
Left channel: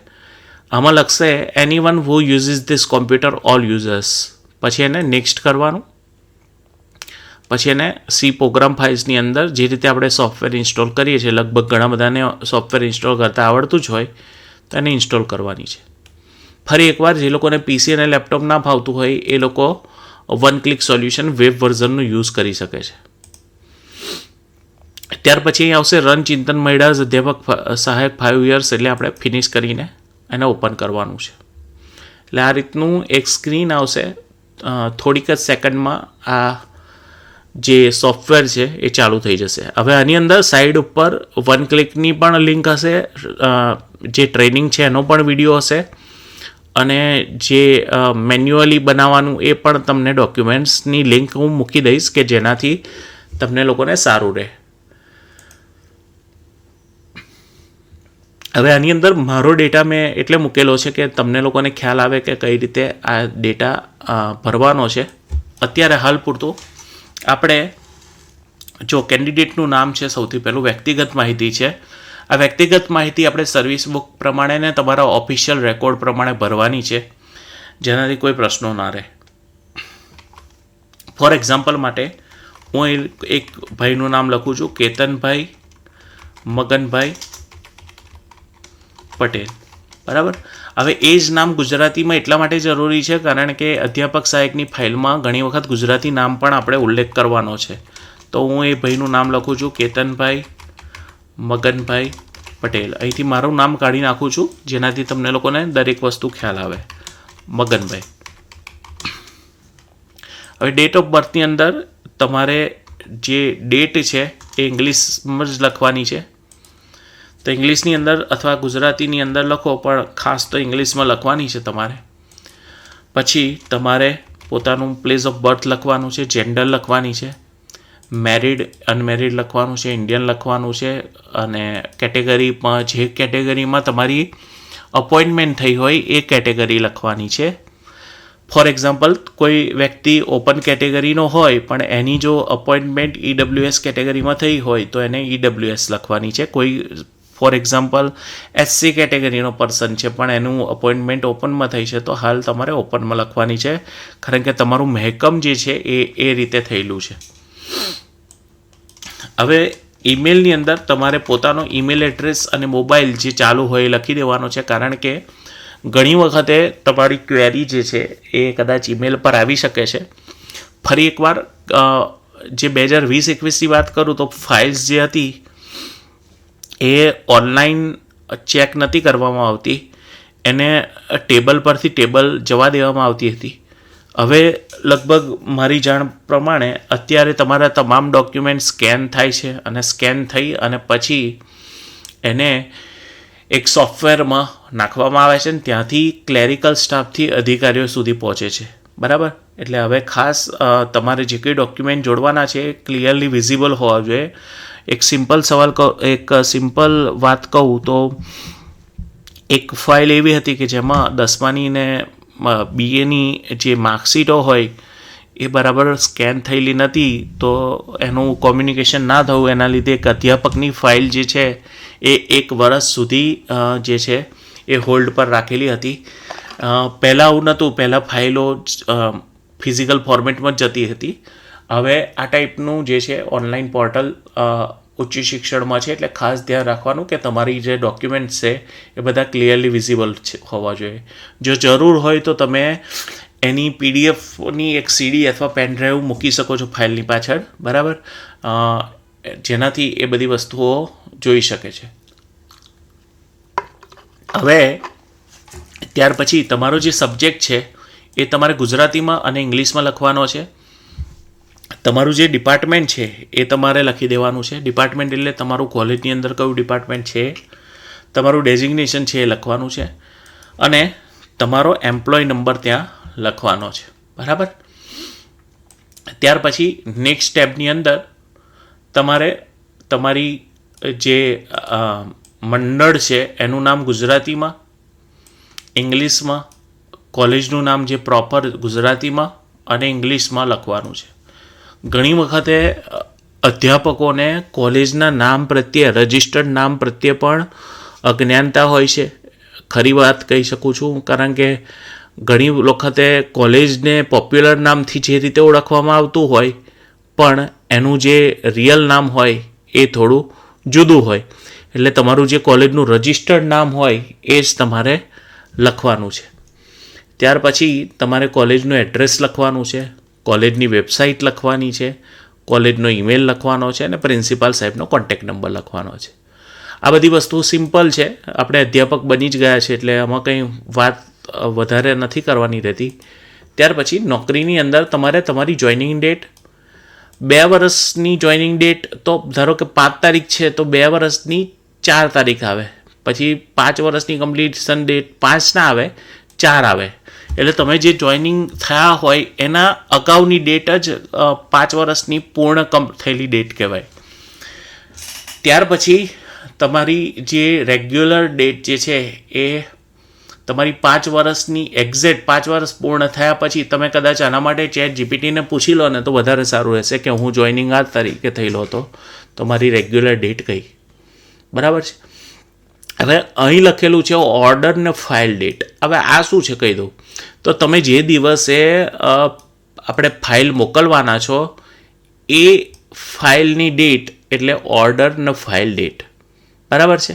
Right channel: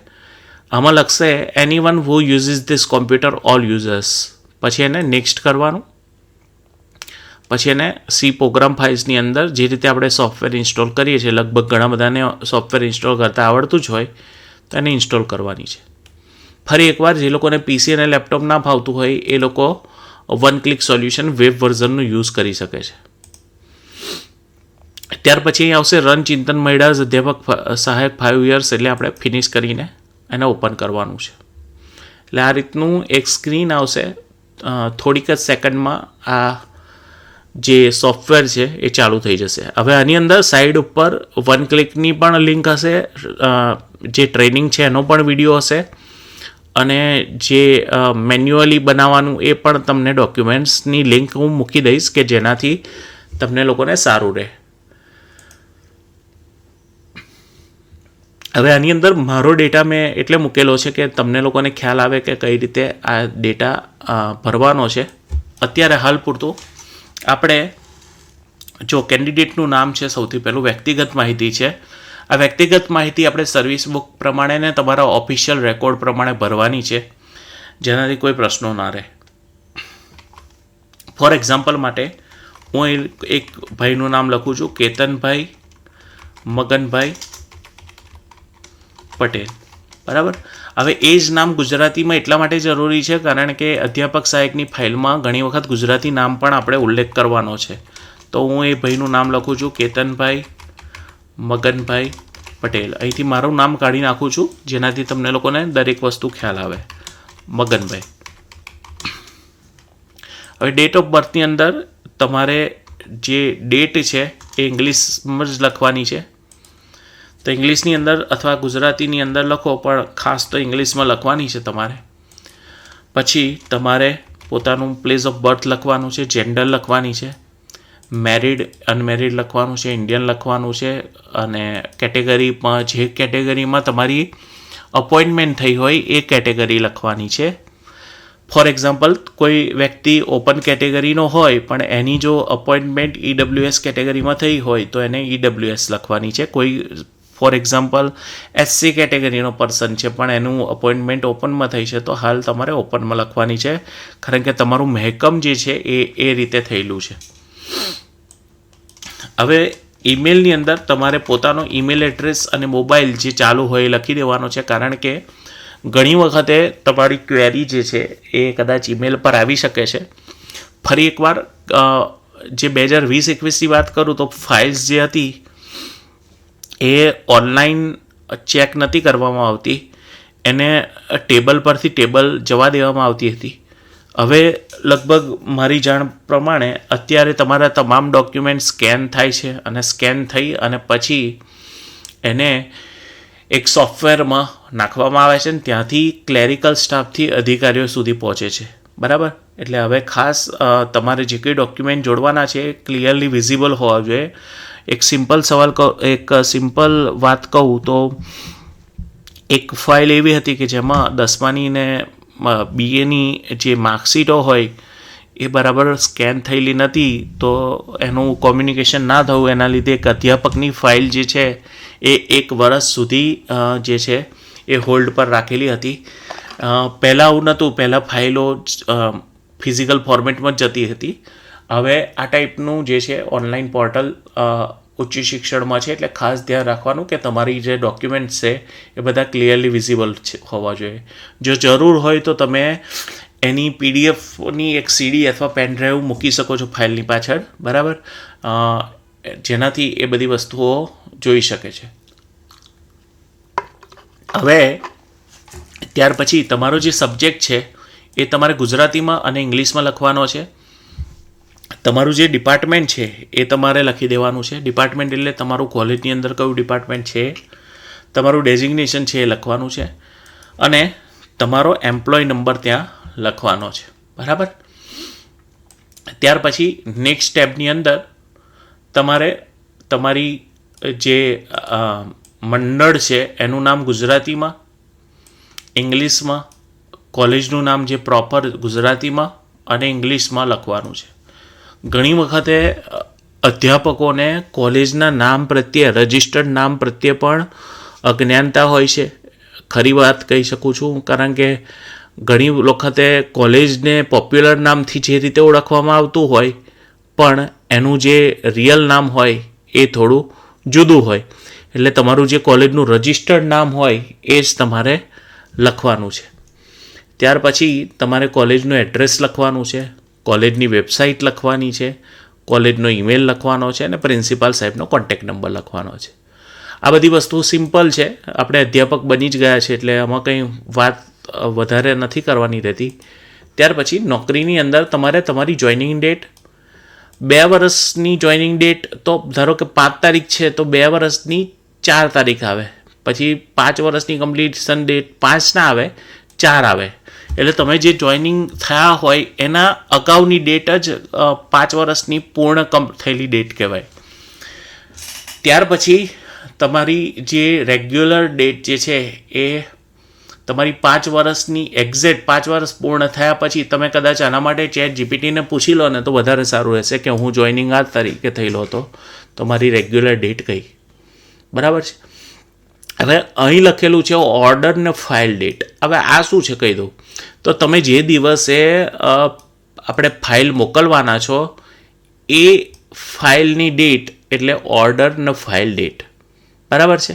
આમાં લખશે anyone who uses this computer all users. પછી એને નેક્સ્ટ કરવાનું. પછી એને સી પ્રોગ્રામ ફાઇલ્સની અંદર જે રીતે આપણે સોફ્ટવેર ઇન્સ્ટોલ કરીએ છીએ, લગભગ ઘણા બધાને સોફ્ટવેર ઇન્સ્ટોલ કરતાં આવડતું જ હોય તો એને ઇન્સ્ટોલ કરવાની છે. ફરી એકવાર જે લોકોને પીસી અને લેપટોપ ના ફાવતું હોય એ લોકો વન ક્લિક સોલ્યુશન વેબ વર્ઝનનું યુઝ કરી શકે છે. ત્યાર પછી અહીં આવશે રન ચિંતન મૈડાસ અધ્યાપક સહાયક 5 years, એટલે આપણે ફિનિશ કરીને એને ઓપન કરવાનું છે. એટલે આ રીતનું એક સ્ક્રીન આવશે. થોડીક જ સેકન્ડમાં આ જે સોફ્ટવેર છે એ ચાલુ થઈ જશે. હવે આની અંદર સાઈડ ઉપર વન ક્લિકની પણ લિંક હશે, જે ટ્રેનિંગ છે એનો પણ વિડીયો હશે, અને જે મેન્યુઅલી બનાવવાનું એ પણ તમને ડોક્યુમેન્ટ્સની લિંક હું મૂકી દઈશ કે જેનાથી તમને લોકોને સારું રહે. હવે આની અંદર મારો ડેટા મેં એટલે મૂકેલો છે કે તમને લોકોને ખ્યાલ આવે કે કઈ રીતે આ ડેટા ભરવાનો છે. અત્યારે હાલ પૂરતું આપણે જો કેન્ડિડેટનું નામ છે, સૌથી પહેલું વ્યક્તિગત માહિતી છે. આ વ્યક્તિગત માહિતી આપણે સર્વિસ બુક પ્રમાણે ને તમારા ઓફિશિયલ રેકોર્ડ પ્રમાણે ભરવાની છે, જેનાથી કોઈ પ્રશ્નો ના રહે. ફોર એક્ઝામ્પલ માટે હું એક ભાઈનું નામ લખું છું, કેતનભાઈ મગનભાઈ પટેલ. બરાબર. હવે એ જ નામ ગુજરાતીમાં એટલા માટે જરૂરી છે કારણ કે અધ્યાપક સહાયકની ફાઇલમાં ઘણી વખત ગુજરાતી નામ પણ આપણે ઉલ્લેખ કરવાનો છે. તો હું એ ભાઈનું નામ લખું છું, કેતનભાઈ મગનભાઈ પટેલ. અહીંથી મારું નામ કાઢી નાખું છું જેનાથી તમને લોકોને દરેક વસ્તુ ખ્યાલ આવે. મગનભાઈ. હવે ડેટ ઓફ બર્થની અંદર તમારે જે ડેટ છે એ ઇંગ્લિશમાં જ લખવાની છે. તો ઇંગ્લિશની અંદર અથવા ગુજરાતીની અંદર લખો, પણ ખાસ તો ઇંગ્લિશમાં લખવાની છે તમારે. પછી તમારે પોતાનું પ્લેસ ઓફ બર્થ લખવાનું છે, જેન્ડર લખવાની છે, મેરિડ અનમેરિડ લખવાનું છે, ઇન્ડિયન લખવાનું છે, અને કેટેગરીમાં જે કેટેગરીમાં તમારી અપોઇન્ટમેન્ટ થઈ હોય એ કેટેગરી લખવાની છે. ફોર એક્ઝામ્પલ, કોઈ વ્યક્તિ ઓપન કેટેગરીનો હોય પણ એની જો અપોઇન્ટમેન્ટ EWS કેટેગરીમાં થઈ હોય તો એને EWS લખવાની છે. કોઈ ફોર એક્ઝામ્પલ SC કેટેગરીનો પર્સન છે પણ એનું અપોઇન્ટમેન્ટ ઓપનમાં થઈ છે તો હાલ તમારે ઓપનમાં લખવાની છે, કારણ કે તમારું મહેકમ જે છે એ રીતે થયેલું છે. હવે ઈમેલની અંદર તમારે પોતાનો ઈમેલ એડ્રેસ અને મોબાઈલ જે ચાલુ હોય એ લખી દેવાનો છે, કારણ કે ઘણી વખતે તમારી ક્વેરી જે છે એ કદાચ ઈમેલ પર આવી શકે છે. ફરી એકવાર જે 2020-21ની વાત કરું તો ફાઇલ્સ જે હતી એ ઓનલાઈન ચેક નથી કરવામાં આવતી, એને ટેબલ પરથી ટેબલ જવા દેવામાં આવતી હતી. હવે લગભગ મારી જાણ પ્રમાણે અત્યારે તમારા તમામ ડોક્યુમેન્ટ સ્કેન થાય છે, અને સ્કેન થઈ અને પછી એને એક સોફ્ટવેરમાં નાખવામાં આવે છે, ને ત્યાંથી ક્લેરિકલ સ્ટાફથી અધિકારીઓ સુધી પહોંચે છે. બરાબર. એટલે હવે ખાસ તમારે જે કંઈ ડોક્યુમેન્ટ જોડવાના છે એ ક્લિયરલી વિઝિબલ હોવા જોઈએ. એક સિમ્પલ વાત કહું તો એક ફાઇલ એવી હતી કે જેમાં 10માની ને BAની જે માર્કશીટો હોય એ બરાબર સ્કેન થયેલી નથી, તો એનું કોમ્યુનિકેશન ના થયું એના લીધે એક અધ્યાપકની ફાઇલ જે છે એ 1 વર્ષ સુધી જે છે એ હોલ્ડ પર રાખેલી હતી. પહેલાં આવું નહોતું, પહેલાં ફાઇલો ફિઝિકલ ફોર્મેટમાં જ જતી હતી. હવે આ ટાઈપનું જે છે ઓનલાઈન પોર્ટલ ઉચ્ચ શિક્ષણમાં છે, એટલે ખાસ ધ્યાન રાખવાનું કે તમારી જે ડોક્યુમેન્ટ્સ છે એ બધા ક્લિયરલી વિઝિબલ હોવા જોઈએ. જો જરૂર હોય તો તમે એની PDFની એક CD અથવા પેન ડ્રાઈવ મૂકી શકો છો ફાઇલની પાછળ. બરાબર. જેનાથી એ બધી વસ્તુઓ જોઈ શકે છે. હવે ત્યાર પછી તમારો જે સબ્જેક્ટ છે એ તમારે ગુજરાતીમાં અને ઇંગ્લિશમાં લખવાનો છે. તમારું જે ડિપાર્ટમેન્ટ છે એ તમારે લખી દેવાનું છે. ડિપાર્ટમેન્ટ એટલે તમારું કોલેજની અંદર કયું ડિપાર્ટમેન્ટ છે, તમારું ડેઝિગ્નેશન છે એ લખવાનું છે, અને તમારો એમ્પ્લોય નંબર ત્યાં લખવાનો છે. બરાબર. ત્યાર પછી નેક્સ્ટ સ્ટેપની અંદર તમારે તમારી જે મંડળ છે એનું નામ ગુજરાતીમાં, ઇંગ્લિશમાં, કોલેજનું નામ જે પ્રોપર ગુજરાતીમાં અને ઇંગ્લિશમાં લખવાનું છે. ઘણી વખતે અધ્યાપકોને કોલેજના નામ પ્રત્યે, રજિસ્ટર્ડ નામ પ્રત્યે પણ અજ્ઞાનતા હોય છે. ખરી વાત કહી શકું છું, કારણ કે ઘણી વખતે કોલેજને પોપ્યુલર નામથી જે રીતે ઓળખવામાં આવતું હોય પણ એનું જે રિયલ નામ હોય એ થોડું જુદું હોય. એટલે તમારું જે કોલેજનું રજિસ્ટર્ડ નામ હોય એ જ તમારે લખવાનું છે. ત્યાર પછી તમારે કોલેજનું એડ્રેસ લખવાનું છે, કોલેજની વેબસાઇટ લખવાની છે, કોલેજનો ઈમેલ લખવાનો છે અને પ્રિન્સિપાલ સાહેબનો કોન્ટેક્ટ નંબર લખવાનો છે. આ બધી વસ્તુ સિમ્પલ છે. આપણે અધ્યાપક બની જ ગયા છે એટલે આમાં કંઈ વાત વધારે નથી કરવાની રહેતી. ત્યાર પછી નોકરીની અંદર તમારે તમારી જોઈનિંગ ડેટ, 2 વર્ષની જોઈનિંગ ડેટ તો ધારો કે 5 તારીખ છે તો 2 વર્ષની 4 તારીખ આવે. પછી 5 વર્ષની કમ્પ્લીશન ડેટ 5 ના આવે, 4 આવે. એટલે તમે જે જોઈનિંગ થયા હોય એના અગાઉની ડેટ જ 5 વર્ષની પૂર્ણ થયેલી ડેટ કહેવાય. ત્યાર પછી તમારી જે રેગ્યુલર ડેટ જે છે એ તમારી 5 વર્ષની એક્ઝેક્ટ 5 વર્ષ પૂર્ણ થયા પછી તમે કદાચ આના માટે ChatGPTને પૂછી લો ને તો વધારે સારું રહેશે કે હું જોઈનિંગ આ તારીખે થયેલો હતો, તો મારી રેગ્યુલર ડેટ કઈ. બરાબર છે. હવે અહીં લખેલું છે ઓર્ડર ને ફાઇલ ડેટ. હવે આ શું છે કહી દઉં. તો તમે જે દિવસે આપણે ફાઇલ મોકલવાના છો એ ફાઇલની ડેટ એટલે ઓર્ડર ને ફાઇલ ડેટ. બરાબર છે.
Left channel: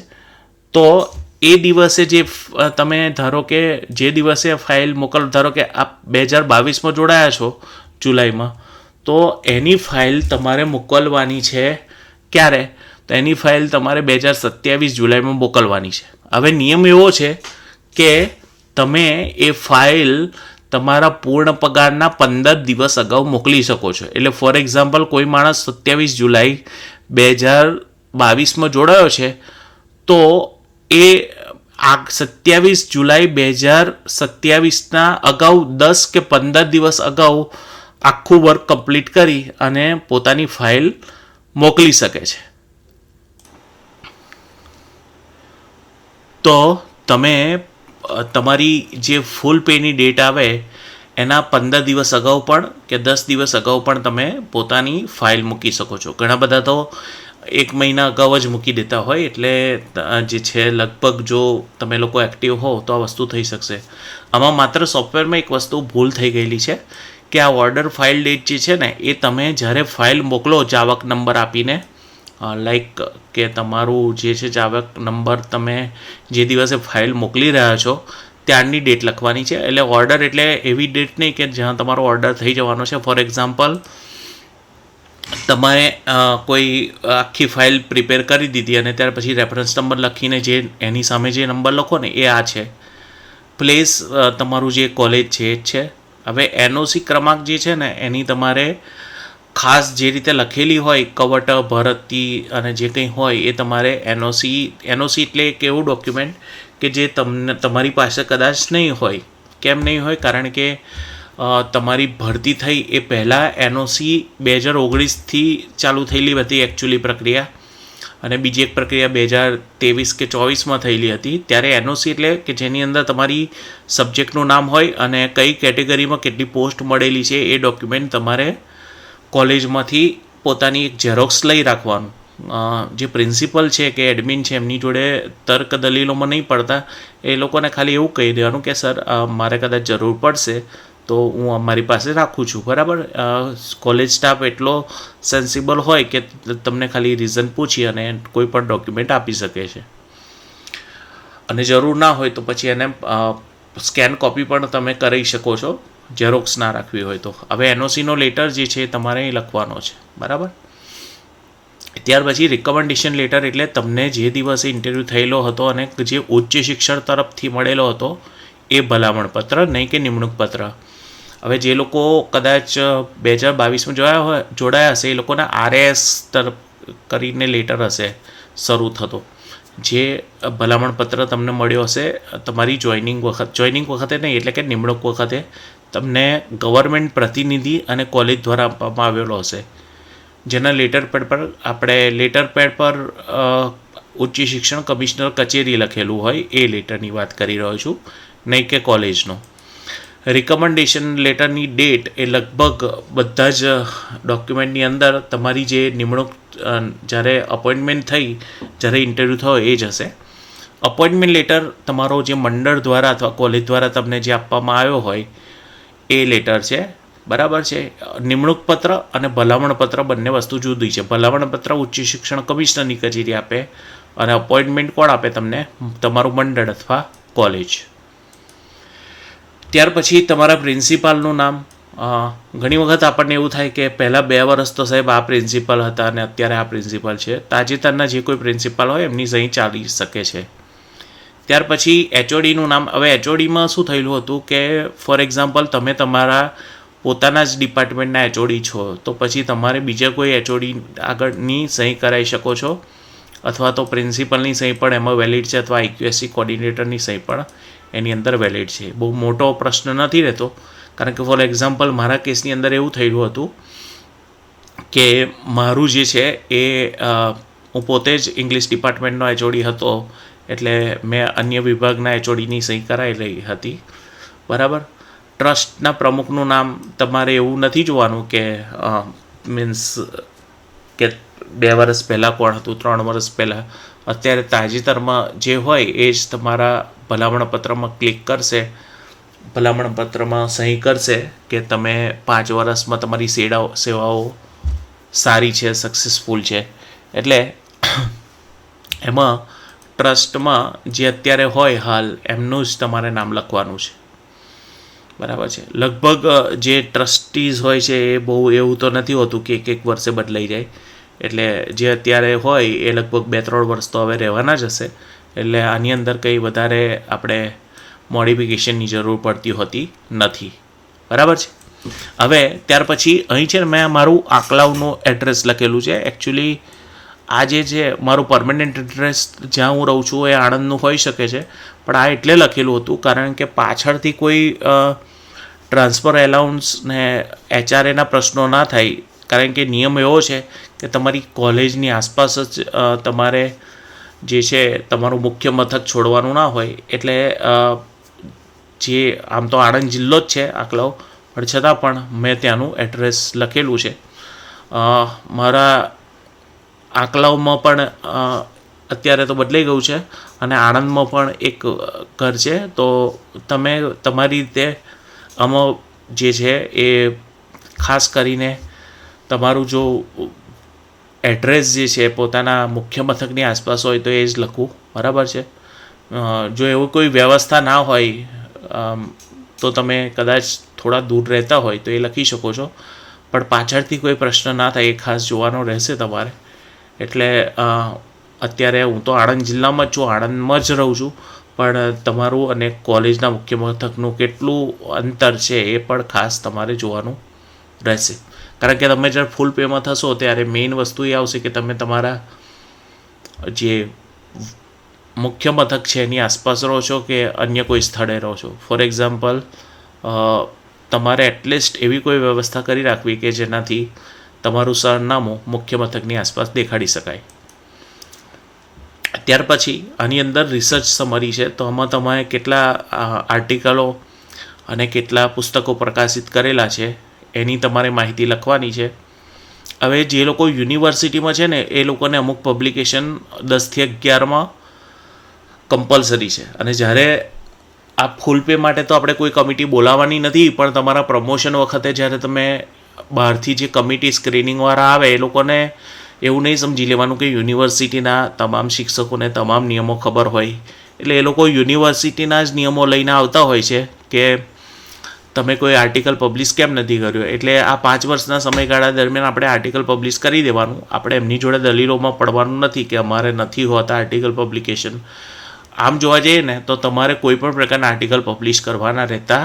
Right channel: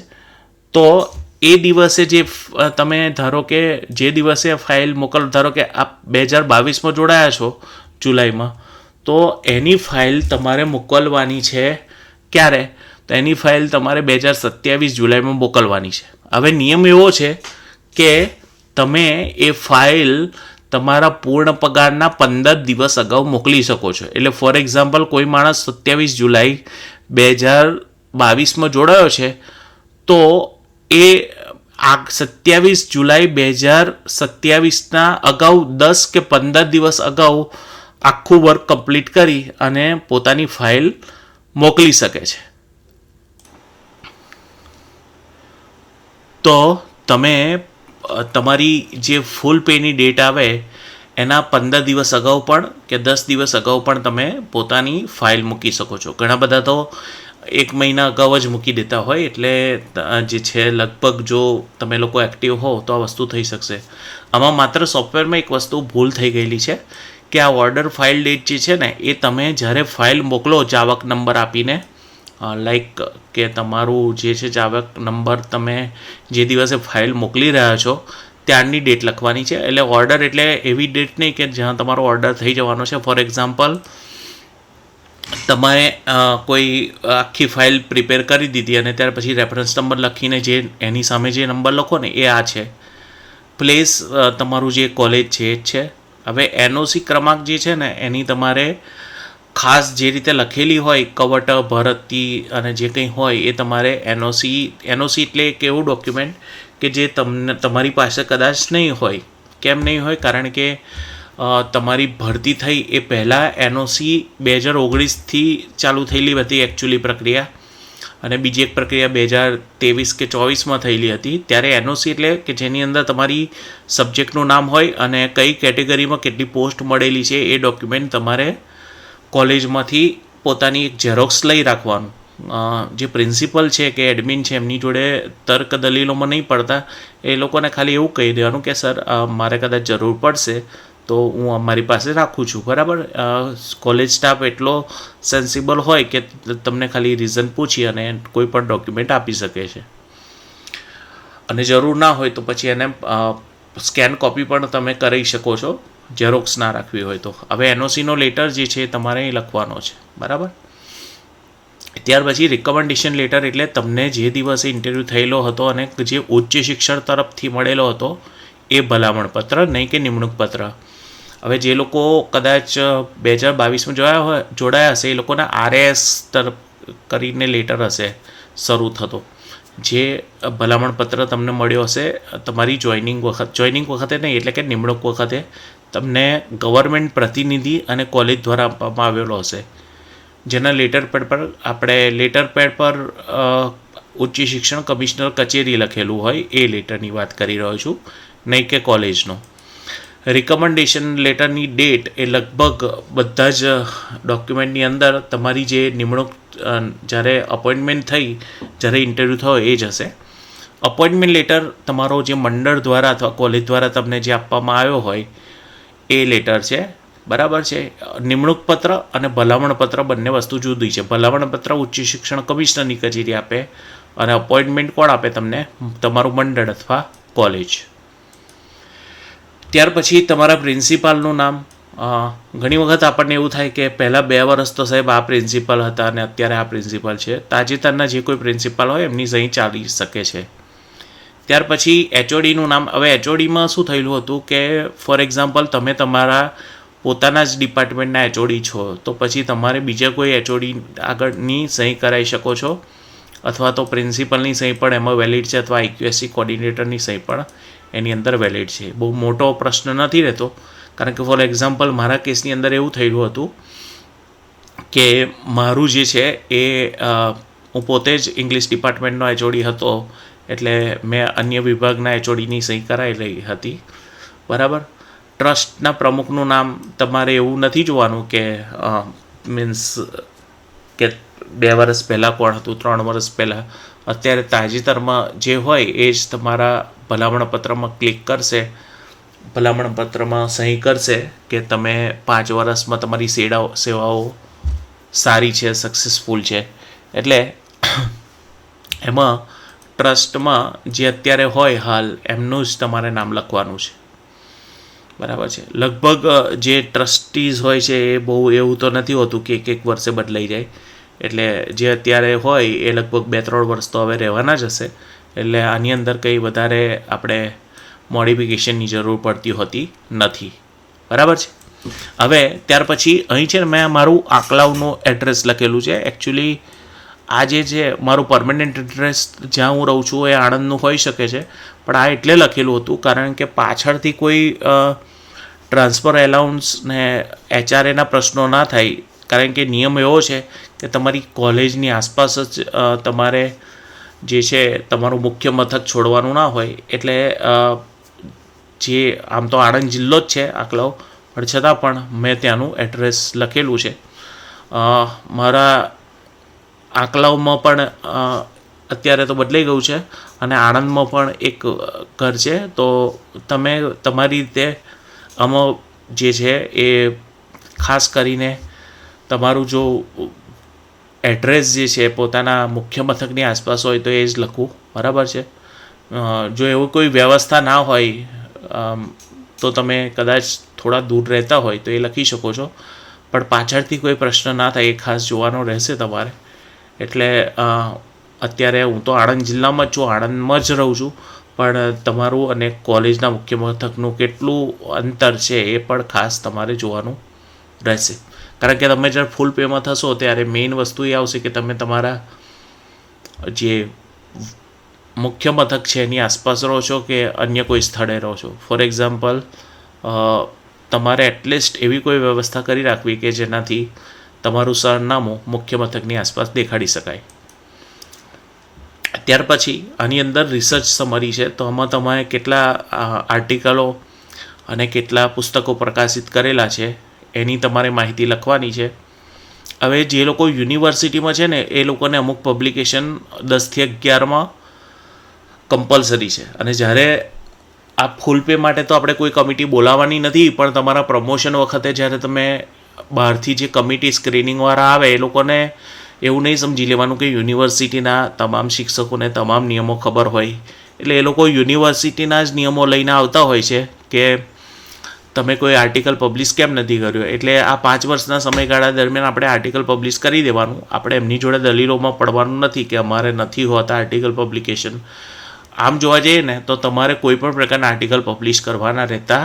તો એ દિવસે જે તમે ધારો કે જે દિવસે ફાઇલ ધારો કે આપ 2022માં જોડાયા છો જુલાઈમાં, તો એની ફાઇલ તમારે મોકલવાની છે ક્યારે? તો એની ફાઇલ તમારે 2027 જુલાઈમાં મોકલવાની છે. હવે નિયમ એવો છે કે તમે એ ફાઇલ તમારા પૂર્ણ પગારના 15 દિવસ અગાઉ મોકલી શકો છો. એટલે ફોર એક્ઝામ્પલ કોઈ માણસ 27 જુલાઈ 2022માં જોડાયો છે તો એ 27 જુલાઈ 2027ના અગાઉ 10 કે 15 દિવસ અગાઉ આખું વર્ક કમ્પ્લીટ કરી અને પોતાની ફાઇલ મોકલી શકે છે. તો તમે તમારી જે ફૂલ પેની ડેટ આવે એના 15 દિવસ અગાઉ પણ કે 10 દિવસ અગાઉ પણ તમે પોતાની ફાઇલ મૂકી શકો છો. ઘણા બધા તો 1 મહિના અગાઉ જ મૂકી દેતા હોય. એટલે જે છે લગભગ જો તમે લોકો એક્ટિવ હો તો આ વસ્તુ થઈ શકશે. આમાં માત્ર સોફ્ટવેરમાં એક વસ્તુ ભૂલ થઈ ગયેલી છે કે આ ઓર્ડર ફાઇલ ડેટ જે છે ને એ તમે જ્યારે ફાઇલ મોકલો જાવક નંબર આપીને, લાઈક કે તમારું જે છે જાવક નંબર તમે જે દિવસે ફાઇલ મોકલી રહ્યા છો ત્યારની ડેટ લખવાની છે. એટલે ઓર્ડર એટલે એવી ડેટ નહીં કે જ્યાં તમારો ઓર્ડર થઈ જવાનો છે. ફોર એક્ઝામ્પલ તમારે કોઈ આખી ફાઇલ પ્રિપેર કરી દીધી અને ત્યાર પછી રેફરન્સ નંબર લખીને જે એની સામે જે નંબર લખો ને એ આ છે, પ્લેસ તમારું જે કોલેજ છે એ જ છે. હવે NOC ક્રમાંક જે છે ને એની તમારે ખાસ જે રીતે લખેલી હોય કવટ ભરતી અને જે કંઈ હોય એ તમારે NOC એટલે એક એવું ડોક્યુમેન્ટ કે જે તમને તમારી પાસે કદાચ નહીં હોય. કેમ નહીં હોય? કારણ કે તમારી ભરતી થઈ એ પહેલાં NOC 2019થી ચાલુ થયેલી હતી એકચ્યુઅલી પ્રક્રિયા, અને બીજી એક પ્રક્રિયા 2023 કે 24માં થયેલી હતી. ત્યારે NOC એટલે કે જેની અંદર તમારી સબ્જેક્ટનું નામ હોય અને કઈ કેટેગરીમાં કેટલી પોસ્ટ મળેલી છે એ ડોક્યુમેન્ટ તમારે કોલેજમાંથી પોતાની એક ઝેરોક્સ લઈ રાખવાનું. જે પ્રિન્સિપલ છે કે એડમિન છે એમની જોડે તર્ક દલીલોમાં નહીં પડતા, એ લોકોને ખાલી એવું કહી દેવાનું કે સર મારે કદાચ જરૂર પડશે તો હું અમારી પાસે રાખું છું. બરાબર. કોલેજ સ્ટાફ એટલો સેન્સિબલ હોય કે તમને ખાલી રીઝન પૂછી અને કોઈ પણ ડોક્યુમેન્ટ આપી શકે છે. અને જરૂર ના હોય તો પછી એને સ્કેન કોપી પણ તમે કરી શકો છો, ઝેરોક્સ ના રાખવી હોય તો. હવે NOCનો લેટર જે છે તમારે અહીં લખવાનો છે. બરાબર. ત્યાર પછી રિકમેન્ડેશન લેટર એટલે તમને જે દિવસે ઇન્ટરવ્યૂ થયેલો હતો અને જે ઉચ્ચ શિક્ષણ તરફથી મળેલો હતો એ ભલામણ પત્ર, નહીં કે નિમણૂક પત્ર. હવે જે લોકો કદાચ 2022માં જોડાયા હશે એ લોકોના RAS તરફ કરીને લેટર હશે શરૂ થતો, જે ભલામણ પત્ર તમને મળ્યો હશે તમારી જોઈનિંગ વખતે નહીં, એટલે કે નિમણૂક વખતે તમને ગવર્મેન્ટ પ્રતિનિધિ અને કોલેજ દ્વારા આપવામાં આવેલો હશે. જેના લેટર પેડ પર ઉચ્ચ શિક્ષણ કમિશનર કચેરી લખેલું હોય એ લેટરની વાત કરી રહ્યો છું, નહીં કે કોલેજનો. રિકમેન્ડેશન લેટરની ડેટ એ લગભગ બધા જ ડોક્યુમેન્ટની અંદર તમારી જે નિમણૂક જ્યારે અપોઇન્ટમેન્ટ થઈ, જ્યારે ઇન્ટરવ્યૂ થયો એ જ હશે. અપોઇન્ટમેન્ટ લેટર તમારો જે મંડળ દ્વારા અથવા કોલેજ દ્વારા તમને જે આપવામાં આવ્યો હોય એ લેટર છે, બરાબર છે. નિમણૂક પત્ર અને ભલામણ પત્ર બંને વસ્તુ જુદી છે. ભલામણ પત્ર ઉચ્ચ શિક્ષણ કમિશનરની કચેરી આપે અને અપોઇન્ટમેન્ટ કોણ આપે તમને? તમારું મંડળ અથવા કોલેજ. ત્યાર પછી તમારા પ્રિન્સિપાલનું નામ. ઘણી વખત આપણને એવું થાય કે પહેલાં 2 વર્ષ તો સાહેબ આ પ્રિન્સિપાલ હતા અને અત્યારે આ પ્રિન્સિપાલ છે. તાજેતરના જે કોઈ પ્રિન્સિપાલ હોય એમની સહી ચાલી શકે છે. ત્યાર પછી એચઓડીનું નામ. હવે એચઓડીમાં શું થયેલું હતું કે ફોર એક્ઝામ્પલ તમે તમારા પોતાના જ ડિપાર્ટમેન્ટના એચઓડી છો, તો પછી તમારે બીજા કોઈ એચઓડી આગળની સહી કરાવી શકો છો, અથવા તો પ્રિન્સિપલની સહી પણ એમાં વેલિડ છે, અથવા IQSC કોર્ડિનેટરની સહી પણ એની અંદર વેલિડ છે. બહુ મોટો પ્રશ્ન નથી રહેતો, કારણ કે ફોર એક્ઝામ્પલ મારા કેસની અંદર એવું થયેલું હતું કે મારું જે છે એ હું પોતે જ ઇંગ્લિશ ડિપાર્ટમેન્ટનો એચઓડી હતો, એટલે મેં અન્ય વિભાગના એચઓડીની સહી કરાવેલી હતી, બરાબર. ટ્રસ્ટના પ્રમુખનું નામ તમારે એવું નથી જોવાનું કે મીન્સ કે 2 વર્ષ પહેલાં કોણ હતું, 3 વર્ષ પહેલાં. અત્યારે તાજેતરમાં જે હોય એ જ તમારા ભલામણ પત્રમાં ક્લિક કરશે, ભલામણ પત્રમાં સહી કરશે કે તમે 5 વર્ષમાં તમારી સેવાઓ સારી છે, સક્સેસફુલ છે. એટલે એમાં ટ્રસ્ટમાં જે અત્યારે હોય હાલ એમનું જ તમારે નામ લખવાનું છે, બરાબર છે. લગભગ જે ટ્રસ્ટીઝ હોય છે એ બહુ એવું તો નથી હોતું કે 1 વર્ષે બદલાઈ જાય. એટલે જે અત્યારે હોય એ લગભગ 2-3 વર્ષ તો હવે રહેવાના જ હશે. એટલે આની અંદર કંઈ વધારે આપણે મોડિફિકેશનની જરૂર પડતી હોતી નથી, બરાબર છે. હવે ત્યાર પછી અહીં છે ને મેં મારું આકલાવનું એડ્રેસ લખેલું છે. એકચ્યુઅલી આ જે છે મારું પરમનન્ટ એડ્રેસ જ્યાં હું રહું છું એ આણંદનું હોઈ શકે છે, પણ આ એટલે લખેલું હતું કારણ કે પાછળથી કોઈ ટ્રાન્સફર એલાઉન્સ ને HRAના પ્રશ્નો ના થાય, કારણ કે નિયમ એવો છે કે તમારી કોલેજની આસપાસ જ તમારે જે છે તમારું મુખ્ય મથક છોડવાનું ના હોય. એટલે જે આમ તો આણંદ જિલ્લો જ છે આકલાવ, પણ છતાં પણ મેં ત્યાંનું એડ્રેસ લખેલું છે. મારા આકલાવમાં પણ અત્યારે તો બદલાઈ ગયું છે અને આણંદમાં પણ એક ઘર છે. તો તમે તમારી રીતે આમાં જે છે એ ખાસ કરીને તમારું જો એડ્રેસ જે છે પોતાના મુખ્ય મથકની આસપાસ હોય તો એ જ લખવું, બરાબર છે. જો એવું કોઈ વ્યવસ્થા ના હોય તો તમે કદાચ થોડા દૂર રહેતા હોય તો એ લખી શકો છો, પણ પાછળથી કોઈ પ્રશ્ન ના થાય એ ખાસ જોવાનો રહેશે તમારે. એટલે અત્યારે હું તો આણંદ જિલ્લામાં જ છું, આણંદમાં જ રહું છું, પણ તમારું અને કોલેજના મુખ્ય મથકનું કેટલું અંતર છે એ પણ ખાસ તમારે જોવાનું રહેશે. કારણ કે તમે જ્યારે ફૂલ પેમાં થશો ત્યારે મેઇન વસ્તુ એ આવશે કે તમે તમારા જે મુખ્ય મથક છે એની આસપાસ રહો છો કે અન્ય કોઈ સ્થળે રહો છો. ફોર એક્ઝામ્પલ તમારે એટલીસ્ટ એવી કોઈ વ્યવસ્થા કરી રાખવી કે જેનાથી તમારું સરનામું મુખ્ય મથકની આસપાસ દેખાડી શકાય. ત્યાર પછી આની અંદર રિસર્ચ સમરી છે, તો આમાં તમારે કેટલા આર્ટિકલો અને કેટલા પુસ્તકો પ્રકાશિત કરેલા છે એની તમારે માહિતી લખવાની છે. હવે જે લોકો યુનિવર્સિટીમાં છે ને એ લોકોને અમુક પબ્લિકેશન 10 થી 11માં કમ્પલસરી છે, અને જ્યારે આ ફૂલ પે માટે તો આપણે કોઈ કમિટી બોલાવવાની નથી, પણ તમારા પ્રમોશન વખતે જ્યારે તમે બહારથી જે કમિટી સ્ક્રીનિંગવાળા આવે એ લોકોને એવું નહીં સમજી લેવાનું કે યુનિવર્સિટીના તમામ શિક્ષકોને તમામ નિયમો ખબર હોય. એટલે એ લોકો યુનિવર્સિટીના જ નિયમો લઈને આવતા હોય છે કે તમે કોઈ આર્ટિકલ પબ્લિશ કેમ નથી કર્યો. એટલે આ 5 વર્ષના સમયગાળા દરમિયાન આપણે આર્ટિકલ પબ્લિશ કરી દેવાનું. આપણે એમની જોડે દલીલોમાં પડવાનું નથી કે અમારે નથી હોતા આર્ટિકલ પબ્લિકેશન. આમ જોવા જઈએ ને તો તમારે કોઈ પણ પ્રકારના આર્ટિકલ પબ્લિશ કરવાના રહેતા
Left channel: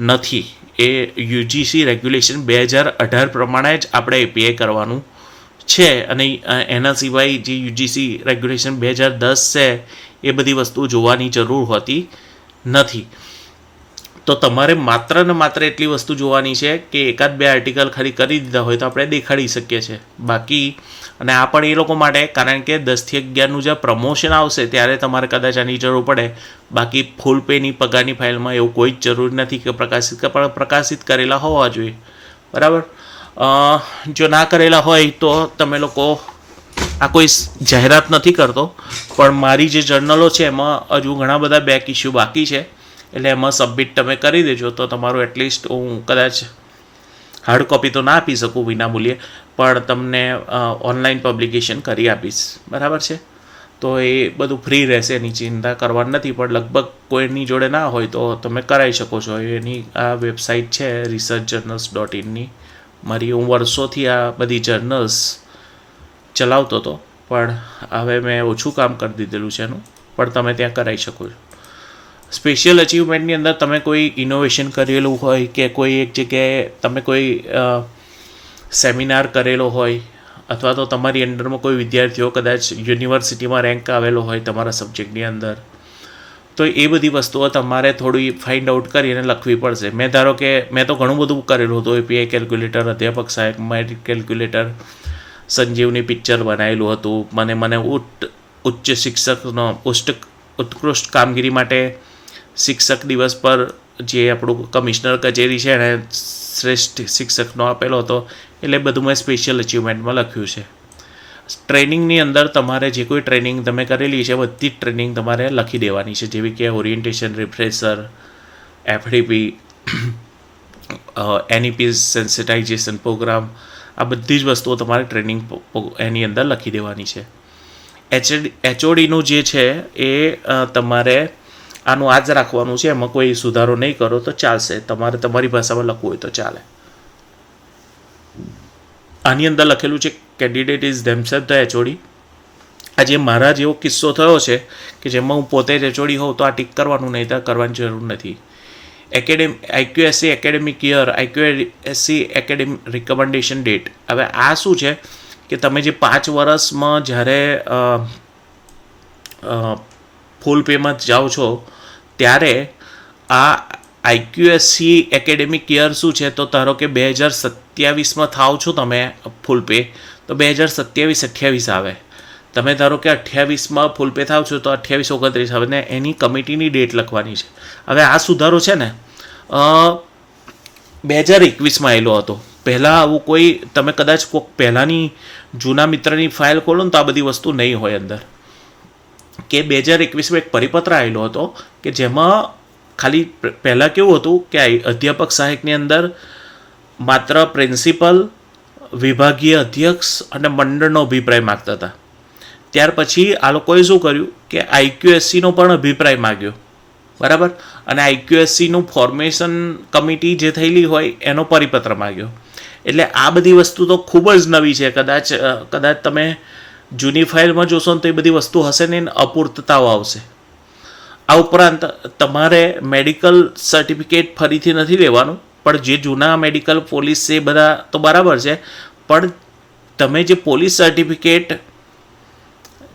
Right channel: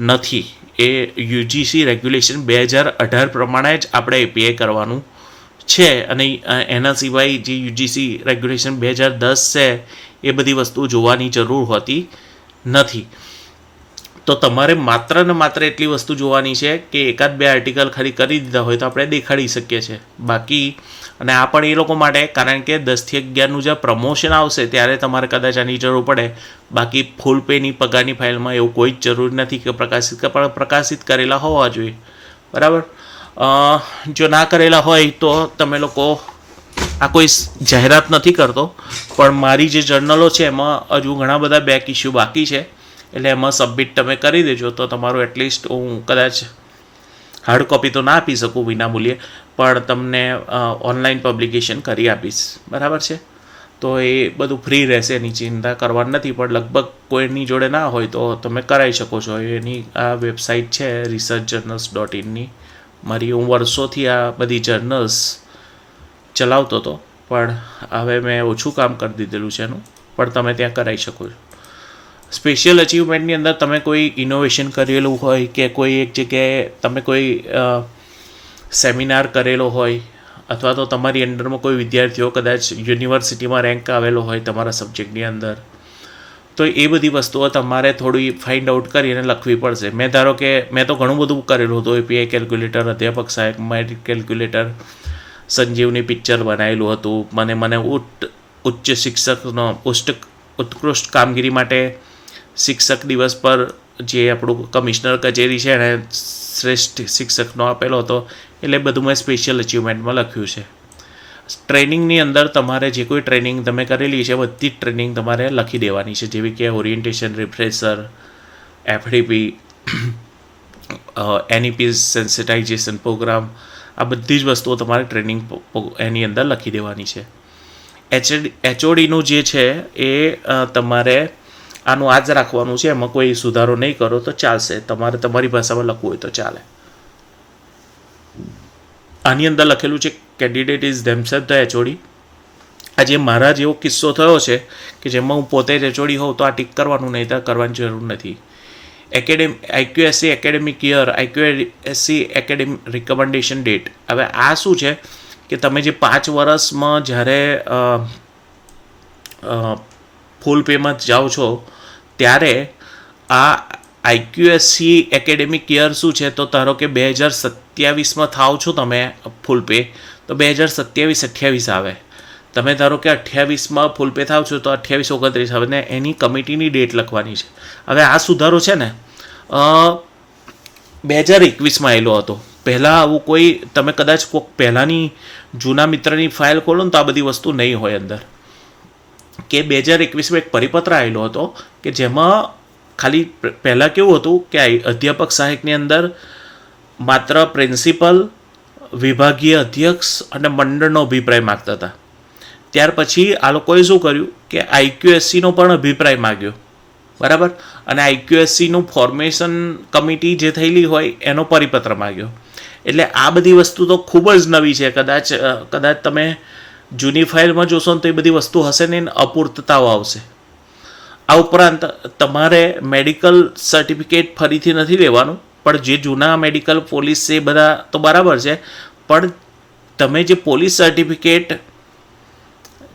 નથી. એ UGC રેગ્યુલેશન 2018 પ્રમાણે જ આપણે API કરવાનું છે, અને એના સિવાય જે UGC રેગ્યુલેશન 2010 છે એ બધી વસ્તુ જોવાની જરૂર હોતી નથી. તો તો તમારે માત્ર ને માત્ર એટલી વસ્તુ જોવાની છે કે એકાદ બે આર્ટિકલ ખાલી કરી દીધા હોય તો આપણે દેખાડી શકીએ છીએ. બાકી અને આ પણ એ લોકો માટે, કારણ કે 10 થી 11નું જે પ્રમોશન આવશે ત્યારે તમારે કદાચ આની જરૂર પડે. બાકી ફૂલ પેની પગારની ફાઇલમાં એવું કોઈ જ જરૂર નથી કે પ્રકાશિત કરેલા હોવા જોઈએ. બરાબર. જો ના કરેલા હોય તો તમે લોકો, આ કોઈ જાહેરાત નથી કરતો, પણ મારી જે જર્નલો છે એમાં હજુ ઘણા બધા બેક ઇસ્યુ બાકી છે, એટલે એમાં સબમિટ તમે કરી દેજો તો તમારું એટલીસ્ટ, હું કદાચ હાર્ડ કોપી તો ના આપી શકું વિનામૂલ્યે, પણ તમને ઓનલાઈન પબ્લિકેશન કરી આપીશ. બરાબર છે. તો એ બધું ફ્રી રહેશે, એની ચિંતા કરવાની નથી. પણ લગભગ કોઈની જોડે ના હોય તો તમે કરાવી શકો છો. એની આ વેબસાઇટ છે researchjournals.in. હું વર્ષોથી આ બધી જર્નલ્સ ચલાવતો હતો, પણ હવે મેં ઓછું કામ કરી દીધેલું છે એનું, પણ તમે ત્યાં કરાવી શકો છો. સ્પેશિયલ અચીવમેન્ટની અંદર તમે કોઈ ઇનોવેશન કરેલું હોય કે કોઈ એક જગ્યાએ તમે કોઈ સેમિનાર કરેલો હોય, અથવા તો તમારી અંડરમાં કોઈ વિદ્યાર્થીઓ કદાચ યુનિવર્સિટીમાં રેન્ક આવેલો હોય તમારા સબ્જેક્ટની અંદર, તો એ બધી વસ્તુઓ તમારે થોડી ફાઇન્ડ આઉટ કરીને લખવી પડશે. ધારો કે મેં તો ઘણું બધું કરેલું હતું. એપીઆઈ કેલ્ક્યુલેટર, અધ્યાપક સહાયક, મેરિટ કેલ્ક્યુલેટર, સંજીવની પિક્ચર બનાવેલું હતું. મને ઉચ્ચ શિક્ષકનો ઉત્કૃષ્ટ કામગીરી માટે શિક્ષક દિવસ પર જે આપણું કમિશનર કચેરી છે એણે શ્રેષ્ઠ શિક્ષકનો આપેલો હતો. એટલે બધું મેં સ્પેશિયલ અચીવમેન્ટમાં લખ્યું છે. ટ્રેનિંગની અંદર તમારે જે કોઈ ટ્રેનિંગ તમે કરેલી છે બધી જ ટ્રેનિંગ તમારે લખી દેવાની છે, જેવી કે orientation, refresher, FDP, NEP sensitization programme, આ બધી જ વસ્તુઓ તમારે ટ્રેનિંગ એની અંદર લખી દેવાની છે. એચઓડીનું જે છે એ તમારે આનું આ જ રાખવાનું છે, એમાં કોઈ સુધારો નહીં કરો તો ચાલશે. તમારે તમારી ભાષામાં લખવું હોય તો ચાલે. આની અંદર લખેલું છે candidate is themself the HOD. આજે મારા જેવો કિસ્સો થયો છે કે જેમાં હું પોતે જ એચઓડી હોઉં તો આ ટીક કરવાનું, નહીં તો કરવાની જરૂર નથી. IQAC academic year, IQAC academic recommendation date. હવે આ શું છે કે તમે જે 5 વર્ષમાં જ્યારે ફૂલ પેમાં જાઓ છો ત્યારે આ આઈક્યુએસસી એકેડેમિક યર શું છે, તો ધારો કે 2027માં થાવ છો તમે ફૂલ પે, તો 2027-28 આવે. તમે ધારો કે 28માં ફૂલ પે થાવ છો તો 28-29 આવે ને એની કમિટીની ડેટ લખવાની છે. હવે આ સુધારો છે ને 2021માં આવેલો હતો. પહેલાં આવું કોઈ, તમે કદાચ કોઈક પહેલાંની જૂના મિત્રની ફાઇલ ખોલો ને તો આ બધી વસ્તુ નહીં હોય અંદર. કે 2021માં એક પરિપત્ર આવેલો હતો કે જેમાં ખાલી પહેલાં કેવું હતું કે અધ્યાપક સહાયકની અંદર માત્ર પ્રિન્સિપલ, વિભાગીય અધ્યક્ષ અને મંડળનો અભિપ્રાય માગતા હતા. ત્યાર પછી આ લોકોએ શું કર્યું કે આઈક્યુએસસીનો પણ અભિપ્રાય માગ્યો. બરાબર. અને આઈક્યુએસસીનું ફોર્મેશન કમિટી જે થયેલી હોય એનો પરિપત્ર માગ્યો. એટલે આ બધી વસ્તુ તો ખૂબ જ નવી છે. કદાચ તમે જૂની ફાઇલમાં જોશો ને તો એ બધી વસ્તુ હશે ને અપૂર્તતાઓ આવશે. આ ઉપરાંત તમારે મેડિકલ સર્ટિફિકેટ ફરીથી નથી લેવાનું, પણ જે જૂના મેડિકલ પોલીસ છે એ બધા તો બરાબર છે, પણ તમે જે પોલીસ સર્ટિફિકેટ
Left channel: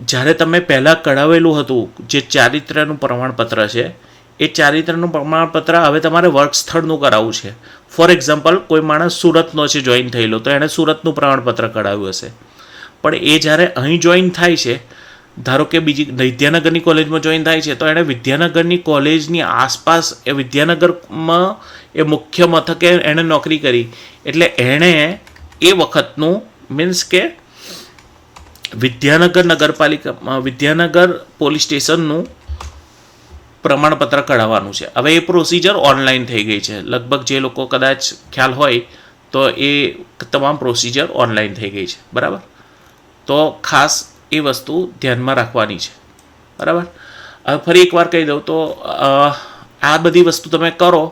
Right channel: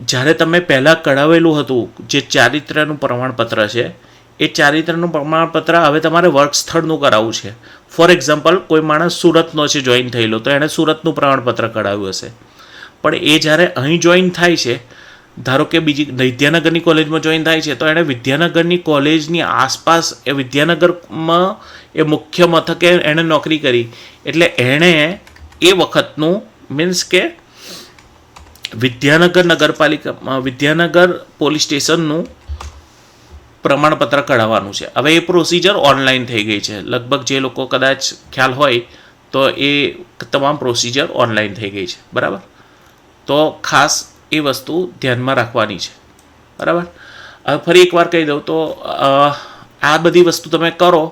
જ્યારે તમે પહેલાં કઢાવેલું હતું, જે ચારિત્ર્યનું પ્રમાણપત્ર છે, એ ચારિત્ર્યનું પ્રમાણપત્ર હવે તમારે વર્ક સ્થળનું કરાવવું છે. ફોર એક્ઝામ્પલ, કોઈ માણસ સુરતનો છે જોઈન થયેલો, તો એણે સુરતનું પ્રમાણપત્ર કઢાવ્યું હશે, પણ એ જ્યારે અહીં જોઈન થાય છે, ધારો કે બીજી વિદ્યાનગરની કોલેજમાં જોઈન થાય છે, તો એણે વિદ્યાનગરની કોલેજની આસપાસ એ વિદ્યાનગરમાં એ મુખ્ય મથકે એણે નોકરી કરી, એટલે એણે એ વખતનું મીન્સ કે વિદ્યાનગર નગરપાલિકા, વિદ્યાનગર પોલીસ સ્ટેશનનું પ્રમાણપત્ર કઢાવવાનું છે. હવે એ પ્રોસિજર ઓનલાઈન થઈ ગઈ છે. લગભગ જે લોકો કદાચ ખ્યાલ હોય તો એ તમામ પ્રોસિજર ઓનલાઈન થઈ ગઈ છે. બરાબર. તો ખાસ એ વસ્તુ ધ્યાનમાં રાખવાની છે. બરાબર. હવે ફરી એકવાર કહી દઉં તો આ બધી વસ્તુ તમે કરો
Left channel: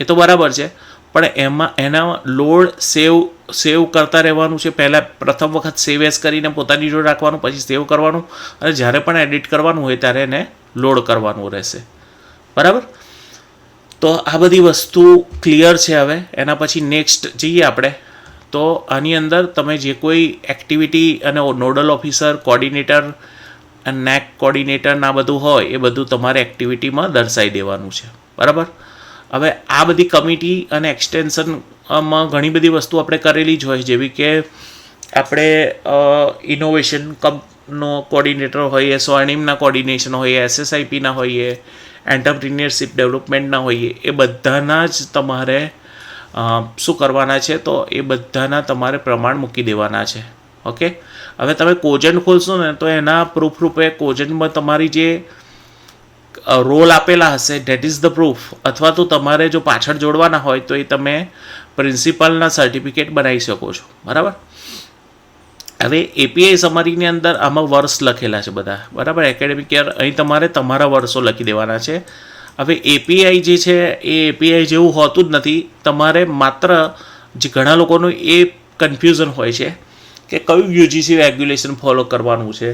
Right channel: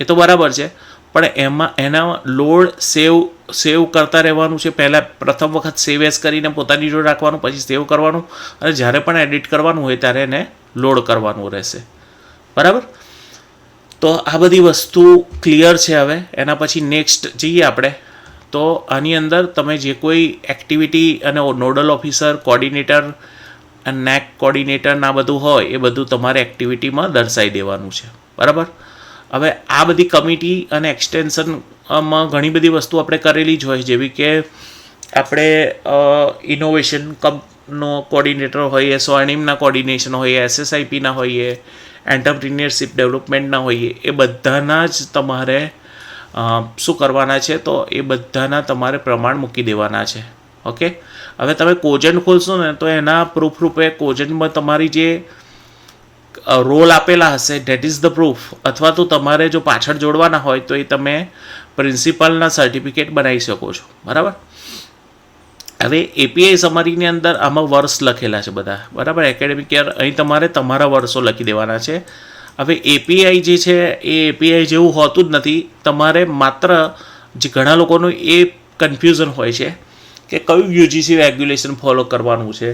એ તો બરાબર છે, પણ એના લોડ સેવ કરતા રહેવાનું છે. પહેલાં પ્રથમ વખત સેવ એઝ કરીને પોતાની જોડે રાખવાનું, પછી સેવ કરવાનું, અને જ્યારે પણ એડિટ કરવાનું હોય ત્યારે એને લોડ કરવાનું રહેશે. બરાબર. તો આ બધી વસ્તુ ક્લિયર છે. હવે એના પછી નેક્સ્ટ જઈએ આપણે. તો આની અંદર તમે જે કોઈ એક્ટિવિટી અને નોડલ ઓફિસર, કોર્ડિનેટર, નેક કોર્ડિનેટર ના બધું હોય એ બધું તમારે એક્ટિવિટીમાં દર્શાવી દેવાનું છે. બરાબર. હવે આ બધી કમિટી અને એક્સટેન્શનમાં ઘણી બધી વસ્તુ આપણે કરેલી જ હોય, જેવી કે આપણે ઇનોવેશન નો કોર્ડિનેટર હોઈએ, સ્વર્ણિમના કોર્ડિનેશન હોઈએ, SSIPના હોઈએ, એન્ટરપ્રિન્યોરશિપ ડેવલપમેન્ટના હોઈએ, એ બધાના જ તમારે શું કરવાના છે, તો એ બધાના તમારે પ્રમાણ મૂકી દેવાના છે. ઓકે, હવે તમે કોજન્ટ ખોલશો ને તો એના પ્રૂફ રૂપે કોજન્ટમાં તમારી જે રોલ આપેલા હશે ધેટ ઇઝ ધ પ્રૂફ, અથવા તો તમારે જો પાછળ જોડવાના હોય તો એ તમે પ્રિન્સિપાલના સર્ટિફિકેટ બનાવી શકો છો. બરાબર. હવે API સમરીની અંદર આમાં વર્ષ લખેલા છે બધા. બરાબર. એકેડેમિક યર અહીં તમારે તમારા વર્ષો લખી દેવાના છે. હવે API જે છે એ API જેવું હોતું જ નથી. તમારે માત્ર જે ઘણા લોકોનું એ કન્ફ્યુઝન હોય છે કે કયું UGC રેગ્યુલેશન ફોલો કરવાનું છે.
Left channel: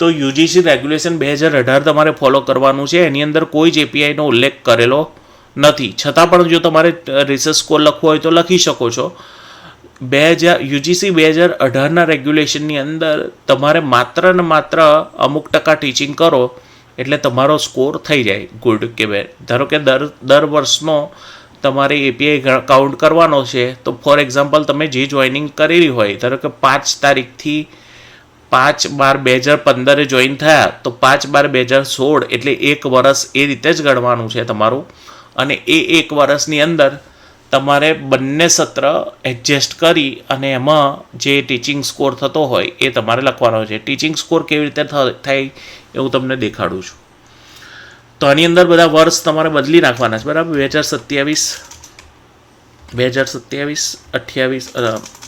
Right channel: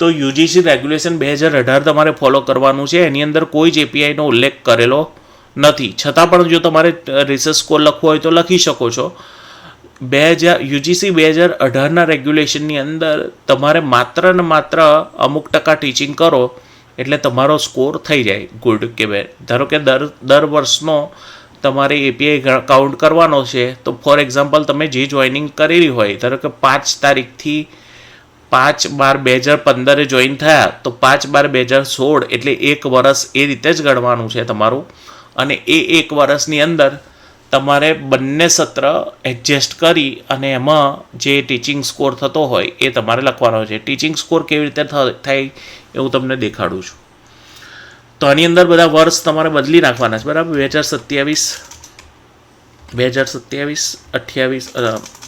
તો UGC રેગ્યુલેશન 2018 તમારે ફોલો કરવાનું છે. એની અંદર કોઈ જ APIનો ઉલ્લેખ કરેલો નથી. છતાં પણ જો તમારે રિસર્ચ સ્કોર લખવો હોય તો લખી શકો છો. UGC 2018ના રેગ્યુલેશનની અંદર તમારે માત્ર ને માત્ર અમુક ટકા ટીચિંગ કરો એટલે તમારો સ્કોર થઈ જાય ગુડ કે બેડ. ધારો કે દર વર્ષનો તમારે API કાઉન્ટ કરવાનો છે, તો ફોર એક્ઝામ્પલ તમે જે જોઈનિંગ કરેલી હોય, ધારો કે 5 તારીખથી 5/12/2015 જોઈન થયા તો 5/12/2016 એટલે 1 વર્ષ એ રીતે જ ગણવાનું છે તમારું. અને એ 1 વર્ષની અંદર તમારે બંને સત્ર એડજસ્ટ કરી અને એમાં જે ટીચિંગ સ્કોર થતો હોય એ તમારે લખવાનો છે. ટીચિંગ સ્કોર કેવી રીતે થાય એવું તમને દેખાડું છું. તો આની અંદર બધા વર્ષ તમારે બદલી નાખવાના છે. બરાબર. 2027, 28,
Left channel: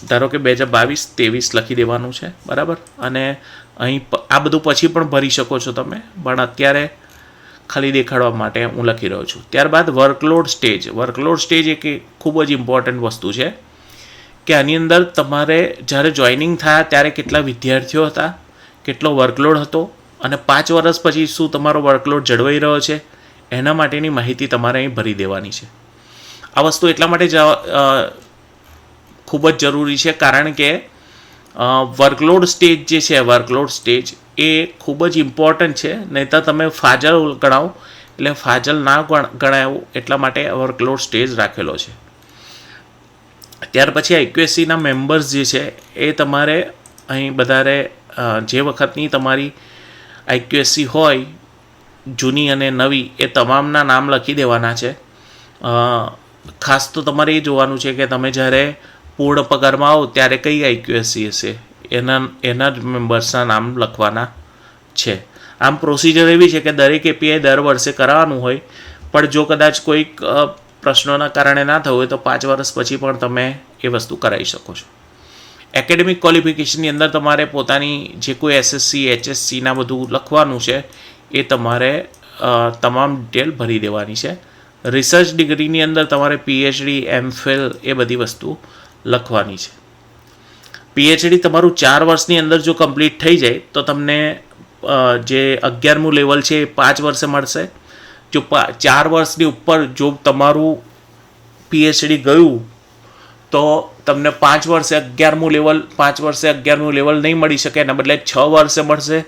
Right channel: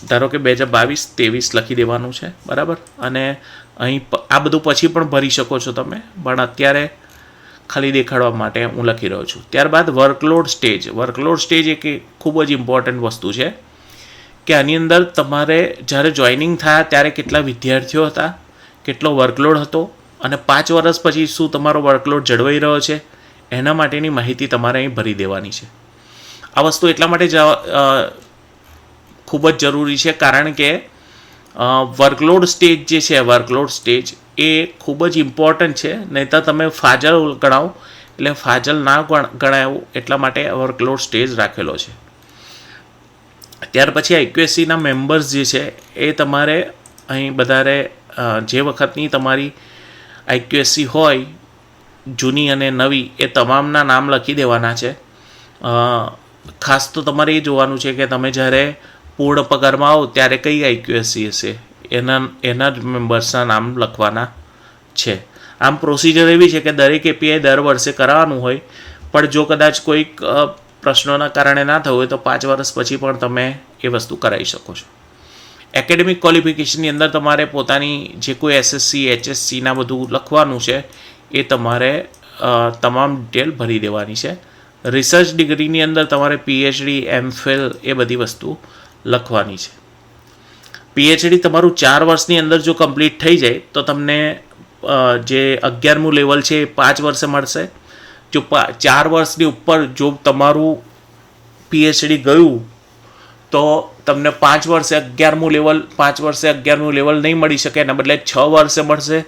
ધારો કે 2022, 23 લખી દેવાનું છે. બરાબર. અને અહીં આ બધું પછી પણ ભરી શકો છો તમે, પણ અત્યારે ખાલી દેખાડવા માટે હું લખી રહ્યો છું. ત્યારબાદ વર્કલોડ સ્ટેજ એક ખૂબ જ ઇમ્પોર્ટન્ટ વસ્તુ છે કે આની અંદર તમારે જ્યારે જોઈનિંગ થયા ત્યારે કેટલા વિદ્યાર્થીઓ હતા, કેટલો વર્કલોડ હતો અને 5 વર્ષ પછી શું તમારો વર્કલોડ જળવાઈ રહ્યો છે, એના માટેની માહિતી તમારે અહીં ભરી દેવાની છે. આ વસ્તુ એટલા માટે ખૂબ જ જરૂરી છે કારણ કે વર્કલોડ સ્ટેજ જે છે, વર્કલોડ સ્ટેજ એ ખૂબ જ ઇમ્પોર્ટન્ટ છે. નહીં તો તમે ફાજલ ગણાવો, એટલે ફાજલ ના ગણાવું એટલા માટે વર્કલોડ સ્ટેજ રાખેલો છે. ત્યાર પછી IQSCના મેમ્બર્સ જે છે એ તમારે અહીં વધારે જે વખતની તમારી IQSC હોય જૂની અને નવી એ તમામના નામ લખી દેવાના છે. ખાસ તો તમારે એ જોવાનું છે કે તમે જ્યારે પૂર્ણ પગારમાં આવો ત્યારે કઈ IQSC હશે એના જ મેમ્બર્સના નામ લખવાના છે. આમ પ્રોસિજર એવી છે કે દરેક API દર વર્ષે કરાવવાનું હોય, પણ જો કદાચ કોઈક પ્રશ્નોના કારણે ના થયું હોય તો 5 વર્ષ પછી પણ તમે એ વસ્તુ કરાવી શકો છો. એકેડેમિક ક્વોલિફિકેશનની અંદર તમારે પોતાની જે કોઈ SSC HSCના બધું લખવાનું છે એ તમારે તમામ ડિટેલ ભરી દેવાની છે. રિસર્ચ ડિગ્રીની અંદર તમારે PhD, MPhil એ બધી વસ્તુ લખવાની છે. PhD તમારું 4 વર્ષની અંદર જો કમ્પ્લીટ થઈ જાય તો તમને જે 11મું લેવલ છે એ 5 વર્ષે મળશે. જો 4 વર્ષની ઉપર જો તમારું PhD ગયું તો તમને 5 વર્ષે 11મું લેવલ નહીં મળી શકે, એના બદલે 6 વર્ષે મળશે.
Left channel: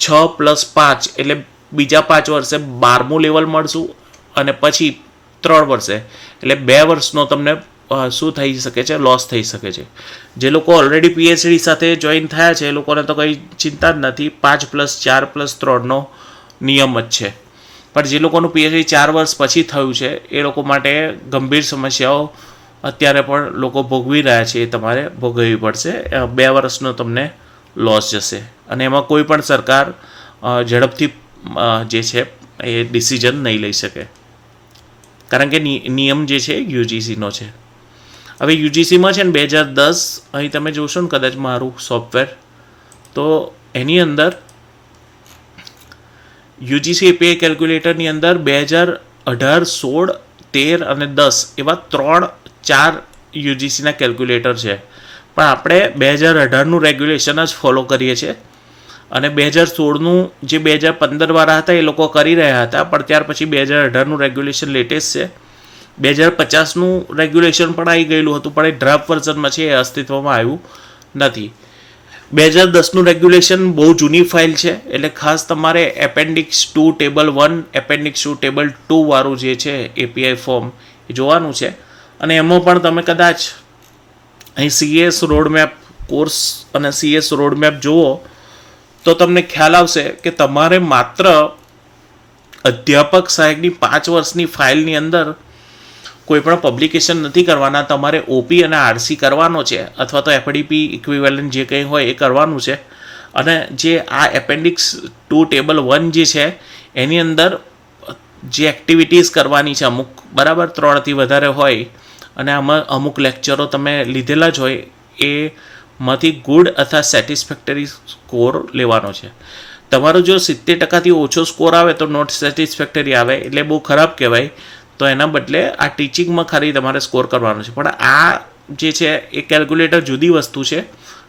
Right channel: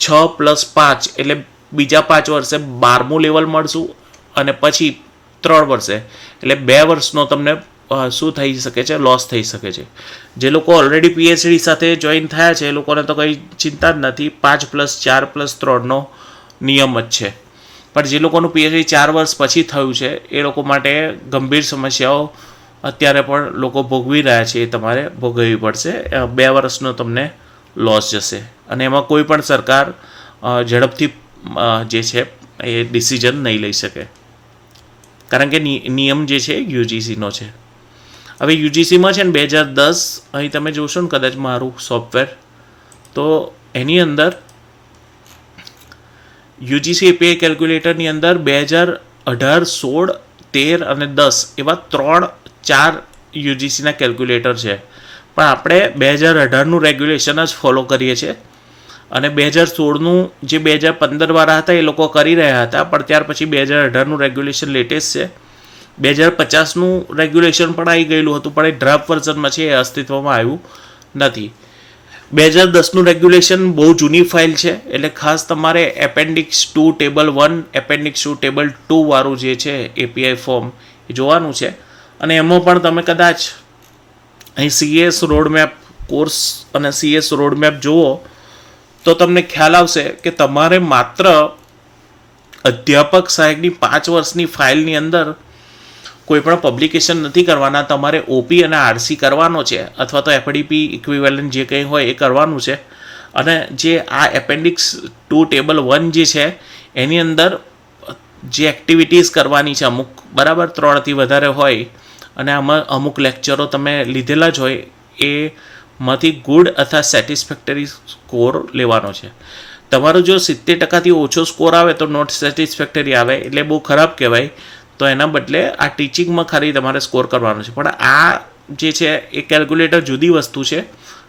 6 + 5 એટલે બીજા 5 વર્ષે 12મું લેવલ મળશું અને પછી 3 વર્ષે એટલે 2 વર્ષનો તમને શું થઈ શકે છે, લોસ થઈ શકે છે. જે લોકો ઓલરેડી PhD સાથે જોઈન થયા છે એ લોકોને તો કંઈ ચિંતા જ નથી, 5 + 4 + 3નો નિયમ જ છે. પણ જે લોકોનું PhD 4 વર્ષ પછી થયું છે એ લોકો માટે ગંભીર સમસ્યાઓ અત્યારે પણ લોકો ભોગવી રહ્યા છે, એ તમારે ભોગવવી પડશે. 2 વર્ષનો તમને લોસ જશે અને એમાં કોઈ પણ સરકાર ઝડપથી જે છે એ ડિસિઝન નહીં લઈ શકે કારણ કે નિયમ જે છે UGCનો છે. હવે UGCમાં છે ને 2010 અહીં તમે જોશો ને કદાચ મારું સોફ્ટવેર, તો એની અંદર UGC API કેલ્ક્યુલેટરની અંદર 2018, 16, 13 અને 10 એવા 3-4 UGCના કેલ્ક્યુલેટર છે. પણ આપણે 2018નું રેગ્યુલેશન જ ફોલો કરીએ છીએ અને 2016નું જે 2015 વાળા હતા એ લોકો કરી રહ્યા હતા, પણ ત્યાર પછી 2018નું રેગ્યુલેશન લેટેસ્ટ છે. 2050નું રેગ્યુલેશન પણ આવી ગયેલું હતું, પણ એ ડ્રાફ્ટ વર્ઝનમાં છે, એ અસ્તિત્વમાં આવ્યું નથી. 2010નું રેગ્યુલેશન બહુ જૂની ફાઇલ છે, એટલે ખાસ તમારે એપેન્ડિક્સ 2 ટેબલ 1 એપેન્ડિક્સ 2 ટેબલ 2 વાળું જે છે એપીઆઈ ફોર્મ એ જોવાનું છે. અને એમાં પણ તમે કદાચ અહીં સીએસ રોડમેપ કોર્સ અને સીએસ રોડમેપ જુઓ તો તમને ખ્યાલ આવશે કે તમારે માત્ર અધ્યાપક સહાયકની 5 વર્ષની ફાઇલની અંદર કોઈ પણ પબ્લિકેશન નથી કરવાના, તમારે ઓપી અને આરસી કરવાનો છે, અથવા તો એફડીપી ઇક્વિવેલન્ટ જે કંઈ હોય એ કરવાનું છે. અને જે આ એપેન્ડિક્સ 2 ટેબલ 1 જે છે એની અંદર જે એક્ટિવિટીઝ કરવાની છે અમુક, બરાબર, 3થી વધારે હોય અને આમાં અમુક લેક્ચરો તમે લીધેલા જ હોય, એમાંથી ગુડ અથવા સેટિસ્ફેક્ટરી સ્કોર લેવાનો છે. તમારો જો 70%થી ઓછો સ્કોર આવે તો નોટ સેટિસ્ફેક્ટરી આવે, એટલે બહુ ખરાબ કહેવાય. તો એના બદલે આ ટીચિંગમાં ખાલી તમારે સ્કોર કરવાનો છે. પણ આ જે છે એ કેલ્ક્યુલેટર જુદી વસ્તુ છે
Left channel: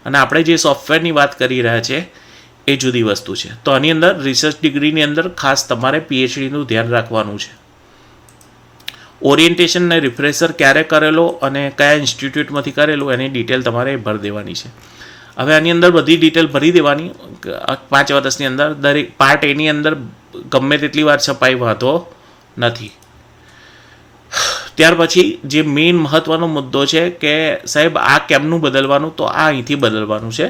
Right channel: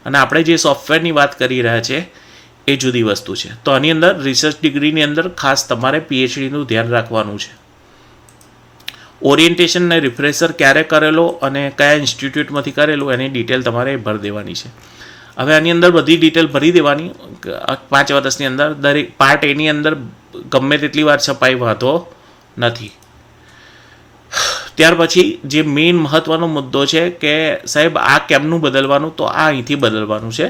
અને આપણે જે સોફ્ટવેરની વાત કરી રહ્યા છે એ જુદી વસ્તુ છે. તો આની અંદર રિસર્ચ ડિગ્રીની અંદર ખાસ તમારે પીએચડીનું ધ્યાન રાખવાનું છે. ઓરિએન્ટેશન ને રિફ્રેશર ક્યારે કરેલો અને કયા ઇન્સ્ટિટ્યૂટમાંથી કરેલું એની ડિટેલ તમારે ભરી દેવાની છે. હવે આની અંદર બધી ડિટેલ ભરી દેવાની 5 વર્ષની અંદર. દરેક પાર્ટ એની અંદર ગમે તેટલી વાર છપાઈ વાંધો નથી. ત્યાર પછી જે મેઇન મહત્ત્વનો મુદ્દો છે કે સાહેબ આ કેમનું બદલવાનું, તો આ અહીંથી બદલવાનું છે.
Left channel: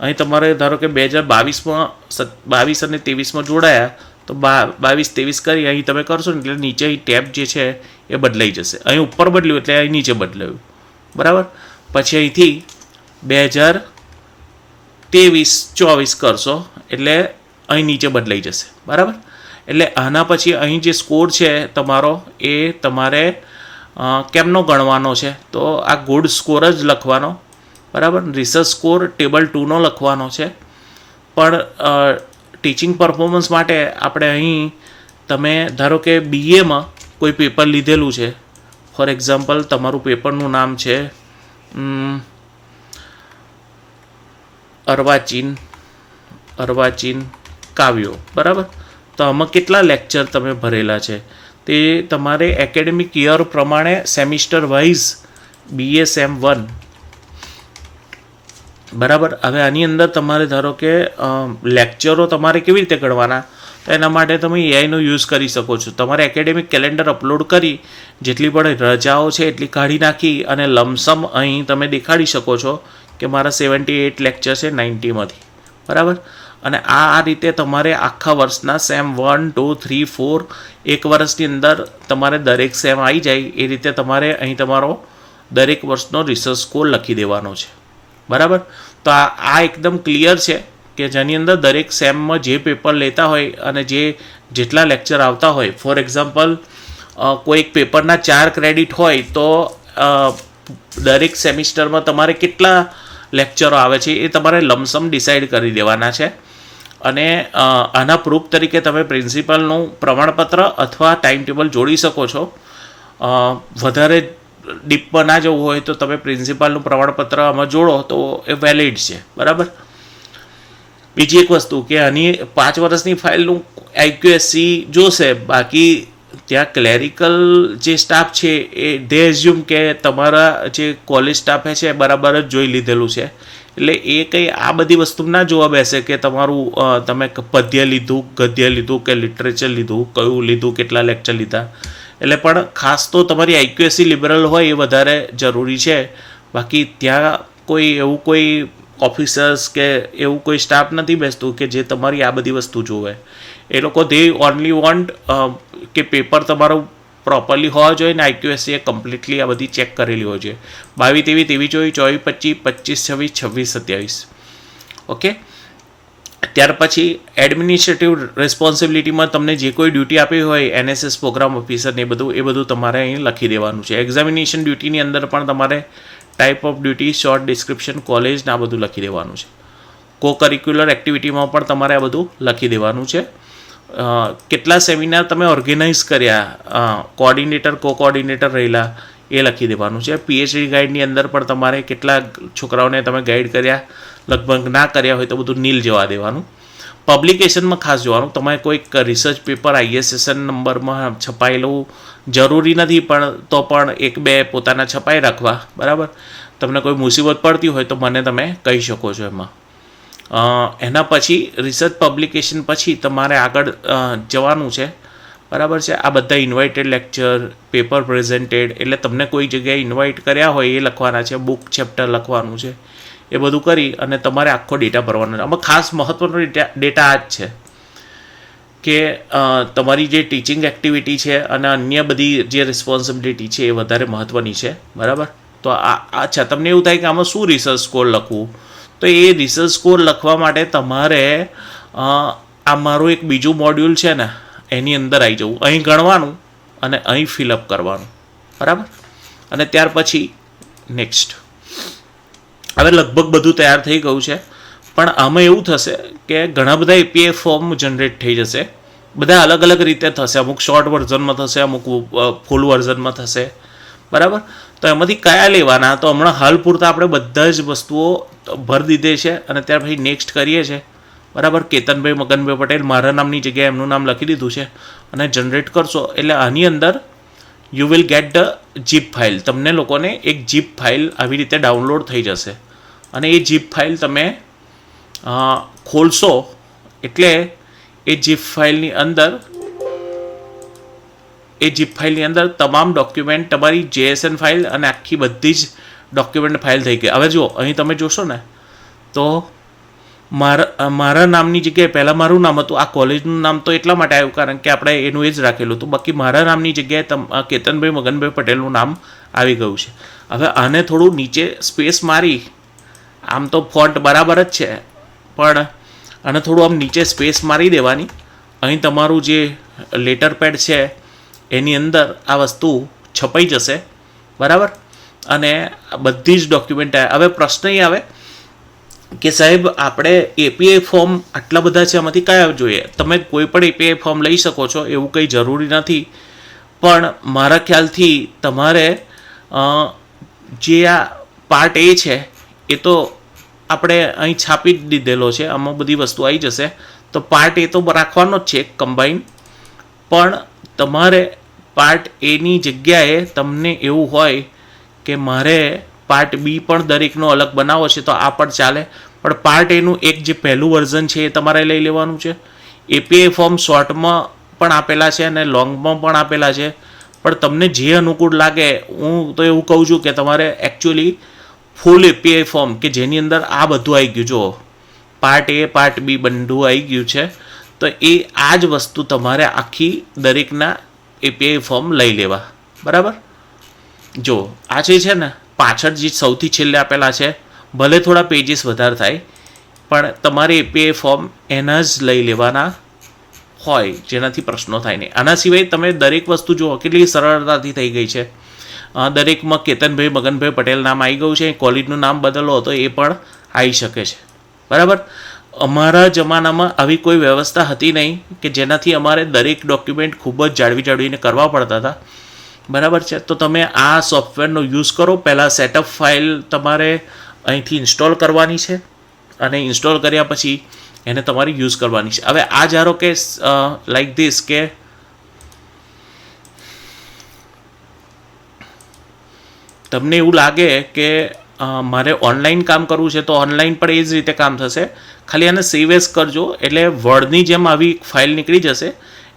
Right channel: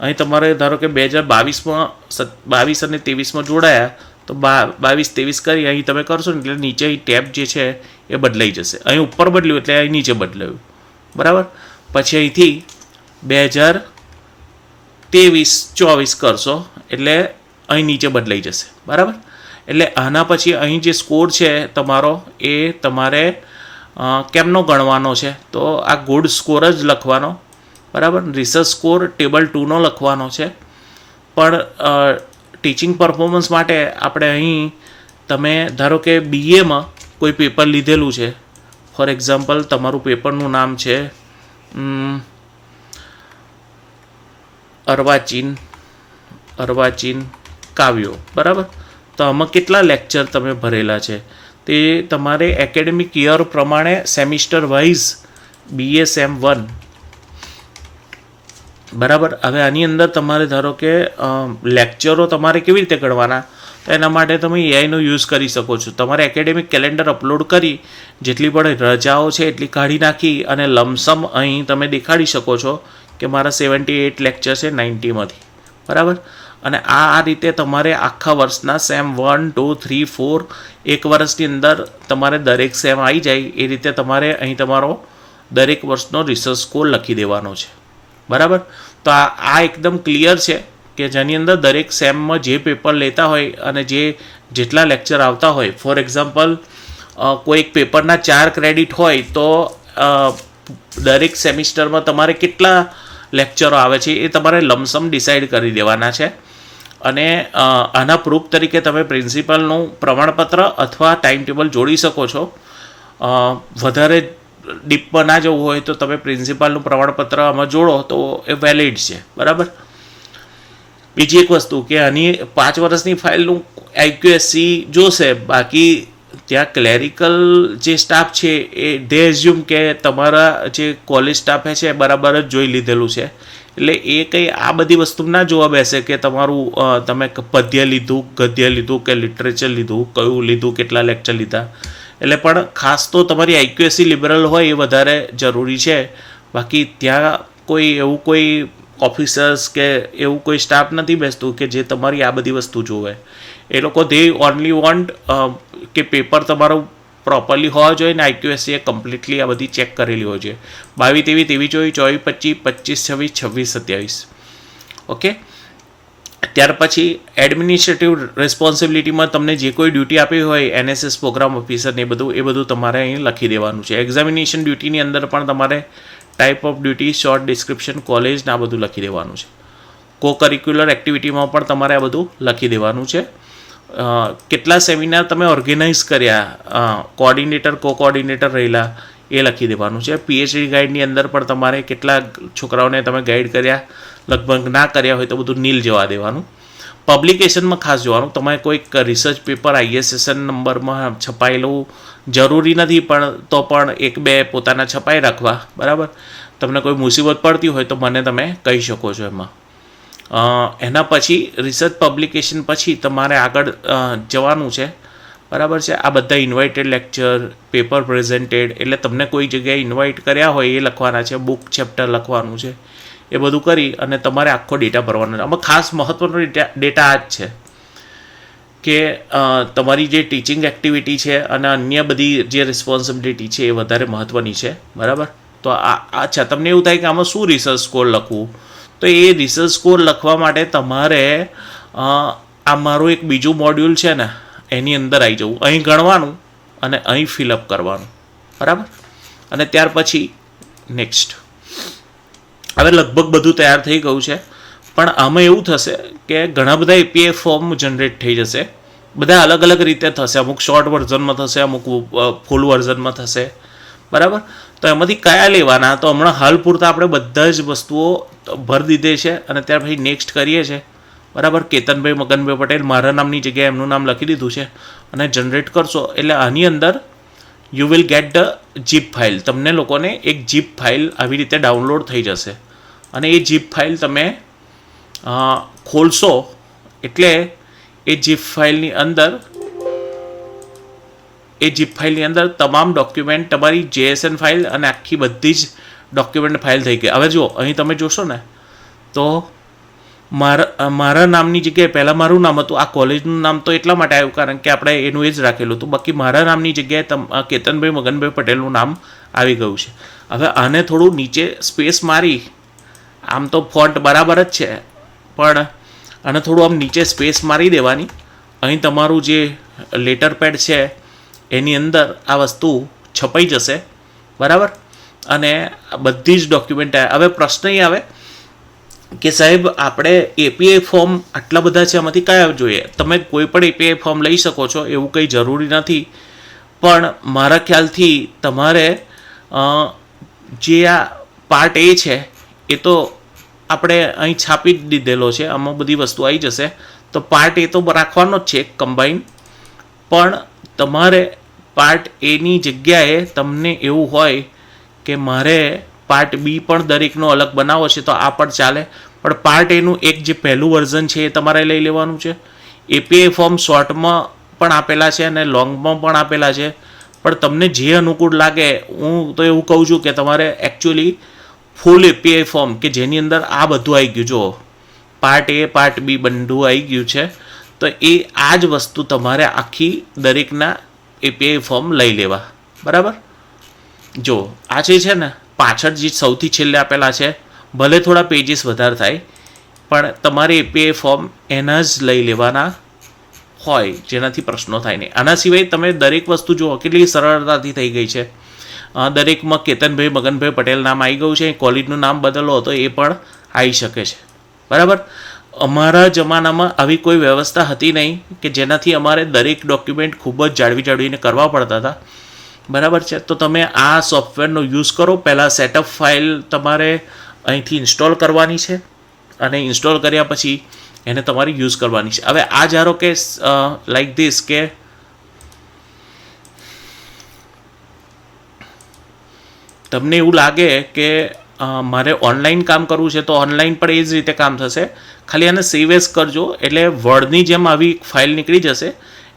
અહીં તમારે ધારો કે 2022 અને 23માં જોડાયા તો 22-23 કરી અહીં તમે કરશો ને એટલે નીચે ટેબ જે છે એ બદલાઈ જશે. અહીં ઉપર બદલ્યું એટલે અહીં નીચે બદલાયું, બરાબર. પછી અહીંથી 2023-24 કરશો એટલે અહીં નીચે બદલાઈ જશે, બરાબર. એટલે આના પછી અહીં જે સ્કોર છે તમારો એ તમારે કેમનો ગણવાનો છે, તો આ ગુડ સ્કોર જ લખવાનો, બરાબર. રિસર્ચ સ્કોર ટેબલ 2નો લખવાનો છે. પણ ટીચિંગ પરફોર્મન્સ માટે આપણે અહીં તમે ધારો કે બીએમાં કોઈ પેપર લીધેલું છે, ફોર એક્ઝામ્પલ તમારું પેપરનું નામ છે અર્વાચીન કાવ્યો, બરાબર. તો આમાં કેટલા લેક્ચર તમે ભરેલા છે તે તમારે એકેડેમિક યર પ્રમાણે સેમિસ્ટર વાઇઝ BA સેમ 1, બરાબર. હવે આની અંદર તમારે ધારો કે લેક્ચરો તમારે કેવી રીતે ગણવાના, તો એના માટે તમે એઆઈનો યુઝ કરી શકો છો. તમારે એકેડેમિક કેલેન્ડર અપલોડ કરી જેટલી પણ રજાઓ છે એટલી કાઢી નાખી અને લમસમ અહીં તમે દેખાડી શકો છો કે મારા 78 લેક્ચર છે 90માંથી, બરાબર. અને આ રીતે તમારે આખા વર્ષના સેમ 1, 2, 3, 4 એક વર્ષની અંદર તમારે દરેક સેમ આવી જાય એ રીતે તમારે અહીં તમારો દરેક વર્ષનો રિસર્ચ સ્કોર લખી દેવાનો છે, બરાબર. તો આ એકદમ ક્લિયર છે કે જેની અંદર દરેક સેમમાં જે પેપર લેતા હોય અને જેટલા લેક્ચર આવતા હોય, ફોર એક્ઝામ્પલ કોઈ એક પેપરના 4 ક્રેડિટ હોય તો દરેક સેમિસ્ટરમાં તમારે કેટલા લેક્ચરો આવે છે એ તમારે લમસમ ડિસાઇડ કરી દેવાના છે. અને આના પ્રૂફ તરીકે તમે પ્રિન્સિપલનું પ્રમાણપત્ર અથવા ટાઈમ ટેબલ જોડી શકો છો. વધારે ડીપમાં ના જવું હોય તો તમે પ્રિન્સિપાલનું પ્રમાણપત્ર આમાં જોડો તો એ વેલિડ છે, બરાબર. બીજી એક વસ્તુ કે આની 5 વર્ષની ફાઇલનું આઈક્યુએસસી જોશે, બાકી ત્યાં ક્લેરિકલ જે સ્ટાફ છે એ દે એઝ્યુમ કે તમારા જે કોલેજ સ્ટાફે છે બરાબર જ જોઈ લીધેલું છે. એટલે એ કંઈ આ બધી વસ્તુ ના જોવા બેસે કે તમારું તમે પદ્ય લીધું, ગદ્ય લીધું કે લિટરેચર લીધું, કયું લીધું, કેટલા લેક્ચર લીધા. એટલે પણ ખાસ તો તમારી આઈક્યુએસસી લિબરલ હોય એ વધારે જરૂરી છે. બાકી ત્યાં કોઈ ઓફિસર્સ કે એવું કોઈ સ્ટાફ નથી બેસતું કે જે તમારી આ બધી વસ્તુ જોવે. એ લોકો દે ઓનલી વોન્ટ કે પેપર તમારું પ્રોપરલી હોવા જોઈએ ને આઈક્યુએસસી એ કમ્પ્લીટલી આ બધી ચેક કરેલી હોય છે. 22, 23, 24, 25, 26, 27. ઓકે. ત્યાર પછી એડમિનિસ્ટ્રેટિવ રિસ્પોન્સિબિલિટીમાં તમને જે કોઈ ડ્યુટી આપી હોય, NSS પ્રોગ્રામ ઓફિસર ને એ બધું તમારે અહીં લખી દેવાનું છે. એક્ઝામિનેશન ડ્યુટીની અંદર પણ તમારે type of duty, short description, college ને આ બધું લખી દેવાનું છે. કો કરિક્યુલર એક્ટિવિટીમાં પણ તમારે આ બધું લખી દેવાનું છે. કેટલા સેમિનાર તમે ઓર્ગેનાઇઝ કર્યા, કોઓર્ડિનેટર, કો કોઓર્ડિનેટર રહેલા એ લખી દેવાનું છે. પીએચડી ગાઈડની અંદર પણ તમારે કેટલા છોકરાઓને તમે ગાઈડ કર્યા, લગભગ ના કર્યા હોય તો બધું નીલ જવા દેવાનું. પબ્લિકેશનમાં ખાસ જોવાનું, તમે કોઈક રિસર્ચ પેપર ISSN નંબરમાં છપાયેલું જરૂરી નથી, પણ તો પણ 1-2 પોતાના છપાઈ રાખવા, બરાબર. તમને કોઈ મુસીબત પડતી હોય તો મને તમે કહી શકો છો એમાં. એના પછી રિસર્ચ પબ્લિકેશન પછી તમારે આગળ જવાનું છે, બરાબર છે. આ બધા ઇન્વાઇટેડ લેક્ચર, પેપર પ્રેઝન્ટેડ, એટલે તમને કોઈ જગ્યાએ ઇન્વાઇટ કર્યા હોય એ લખવાના છે, બુક ચેપ્ટર લખવાનું છે, એ બધું કરી અને તમારે આખો ડેટા ભરવાનો છે. આમાં ખાસ મહત્ત્વનો ડેટા આ જ છે કે તમારી જે ટીચિંગ એક્ટિવિટી છે અને અન્ય બધી જે રિસ્પોન્સિબિલિટી છે એ વધારે મહત્ત્વની છે, બરાબર. તો અચ્છા, તમને એવું થાય કે આમાં શું રિસર્ચ સ્કોર લખવું, તો એ રિસર્ચ સ્કોર લખવા માટે તમારે આ મારું એક બીજું મોડ્યુલ છે ને એની અંદર આવી જવું, અહીં ગણવાનું અને અહીં ફિલઅપ કરવાનું, બરાબર. અને ત્યાર પછી નેક્સ્ટ. હવે લગભગ બધું તૈયાર થઈ ગયું છે, પણ આમાં એવું થશે કે ઘણા બધા એપીઆઈ ફોર્મ જનરેટ થઈ જશે. બધા અલગ અલગ રીતે થશે, અમુક શોર્ટ વર્ઝનમાં થશે, અમુક ફૂલ વર્ઝનમાં થશે, બરાબર. તો એમાંથી કયા લેવાના, તો હમણાં હાલ પૂરતા આપણે બધા જ વસ્તુઓ ભરી દીધી છે અને ત્યાર પછી નેક્સ્ટ કરીએ છીએ, બરાબર. કેતનભાઈ મગનભાઈ પટેલ, મારા નામની જગ્યાએ એમનું નામ લખી દીધું છે અને જનરેટ કરશો એટલે આની અંદર you will get the jeep file. તમને લોકોને એક જીપ ફાઇલ આવી રીતે ડાઉનલોડ થઈ જશે અને એ જીપ ફાઇલ તમે ખોલશો એટલે એ જીપ ફાઇલની અંદર તમામ ડોક્યુમેન્ટ, તમારી JSN ફાઇલ અને આખી બધી જ ડોક્યુમેન્ટ ફાઇલ થઈ ગઈ. હવે જુઓ, અહીં તમે જોશો ને તો મારા નામની જગ્યાએ પહેલાં મારું નામ હતું. આ કોલેજનું નામ તો એટલા માટે આવ્યું કારણ કે આપણે એનું એ જ રાખેલું હતું. બાકી મારા નામની જગ્યાએ કેતનભાઈ મગનભાઈ પટેલનું નામ આવી ગયું છે. હવે આને થોડું નીચે સ્પેસ મારી, આમ તો ફોન્ટ બરાબર જ છે પણ આને થોડું આમ નીચે સ્પેસ મારી દેવાની. અહીં તમારું જે લેટર પેડ છે એની અંદર આ વસ્તુ છપાઈ જશે, બરાબર. અને બધી જ ડોક્યુમેન્ટ હવે પ્રશ્ન એ આવે કે સાહેબ આપણે એપીઆઈ ફોર્મ આટલા બધા છે, આમાંથી કયા જોઈએ? તમે કોઈ પણ એપીઆઈ ફોર્મ લઈ શકો છો, એવું કંઈ જરૂરી નથી. પણ મારા ખ્યાલથી તમારે જે આ પાર્ટ એ છે એ તો આપણે અહીં છાપી જ દીધેલો છે, આમાં બધી વસ્તુ આવી જશે. તો પાર્ટ એ તો રાખવાનો જ છે કમ્બાઈન, પણ તમારે પાર્ટ એની જગ્યાએ તમને એવું હોય કે મારે પાર્ટ બી પણ દરેકનો અલગ બનાવો છે તો આ પણ ચાલે. પણ પાર્ટ એનું એક જે પહેલું વર્ઝન છે એ તમારે લઈ લેવાનું છે. એપીઆઈ ફોર્મ શોર્ટમાં પણ આપેલા છે અને લોંગમાં પણ આપેલા છે, પણ તમને જે અનુકૂળ લાગે. હું તો એવું કહું છું કે તમારે એકચ્યુઅલી ફૂલ એપીઆઈ ફોર્મ કે જેની અંદર આ બધું આવી ગયું, જો પાર્ટ એ પાર્ટ બી બધું આવી ગયું છે, તો એ આ જ વસ્તુ તમારે આખી દરેકના એપીઆઈ ફોર્મ લઈ લેવા, બરાબર. જો આ જે છે ને પાછળ જે સૌથી છેલ્લે આપેલા છે, ભલે થોડા પેજીસ વધારે થાય પણ તમારે એપીઆઈ ફોર્મ એના જ લઈ લેવાના હોય, જેનાથી પ્રશ્નો થાય નહીં. આના સિવાય તમે દરેક વસ્તુ જુઓ કેટલી સરળતાથી થઈ ગઈ છે. દરેકમાં કેતનભાઈ મગનભાઈ પટેલ નામ આવી ગયું છે. કોલેજનું નામ બદલો તો એ પણ આવી શકે છે, બરાબર. અમારા જમાનામાં આવી કોઈ વ્યવસ્થા હતી નહીં કે જેનાથી અમારે દરેક ડોક્યુમેન્ટ ખૂબ જ જાળવીને કરવા પડતા હતા, બરાબર છે. તો તમે આ સોફ્ટવેરનો યુઝ કરો. પહેલાં સેટઅપ ફાઇલ તમારે અહીંથી ઇન્સ્ટોલ કરવાની છે અને ઇન્સ્ટોલ કર્યા પછી એને તમારે યુઝ કરવાની છે. હવે આ ધારો કે લાઈક ધીસ કે તમને એવું લાગે કે મારે ઓનલાઈન કામ કરવું છે તો ઓનલાઈન પણ એ જ રીતે કામ થશે. ખાલી આને સેવ એઝ કરજો એટલે વર્ડની જેમ આવી ફાઇલ નીકળી જશે.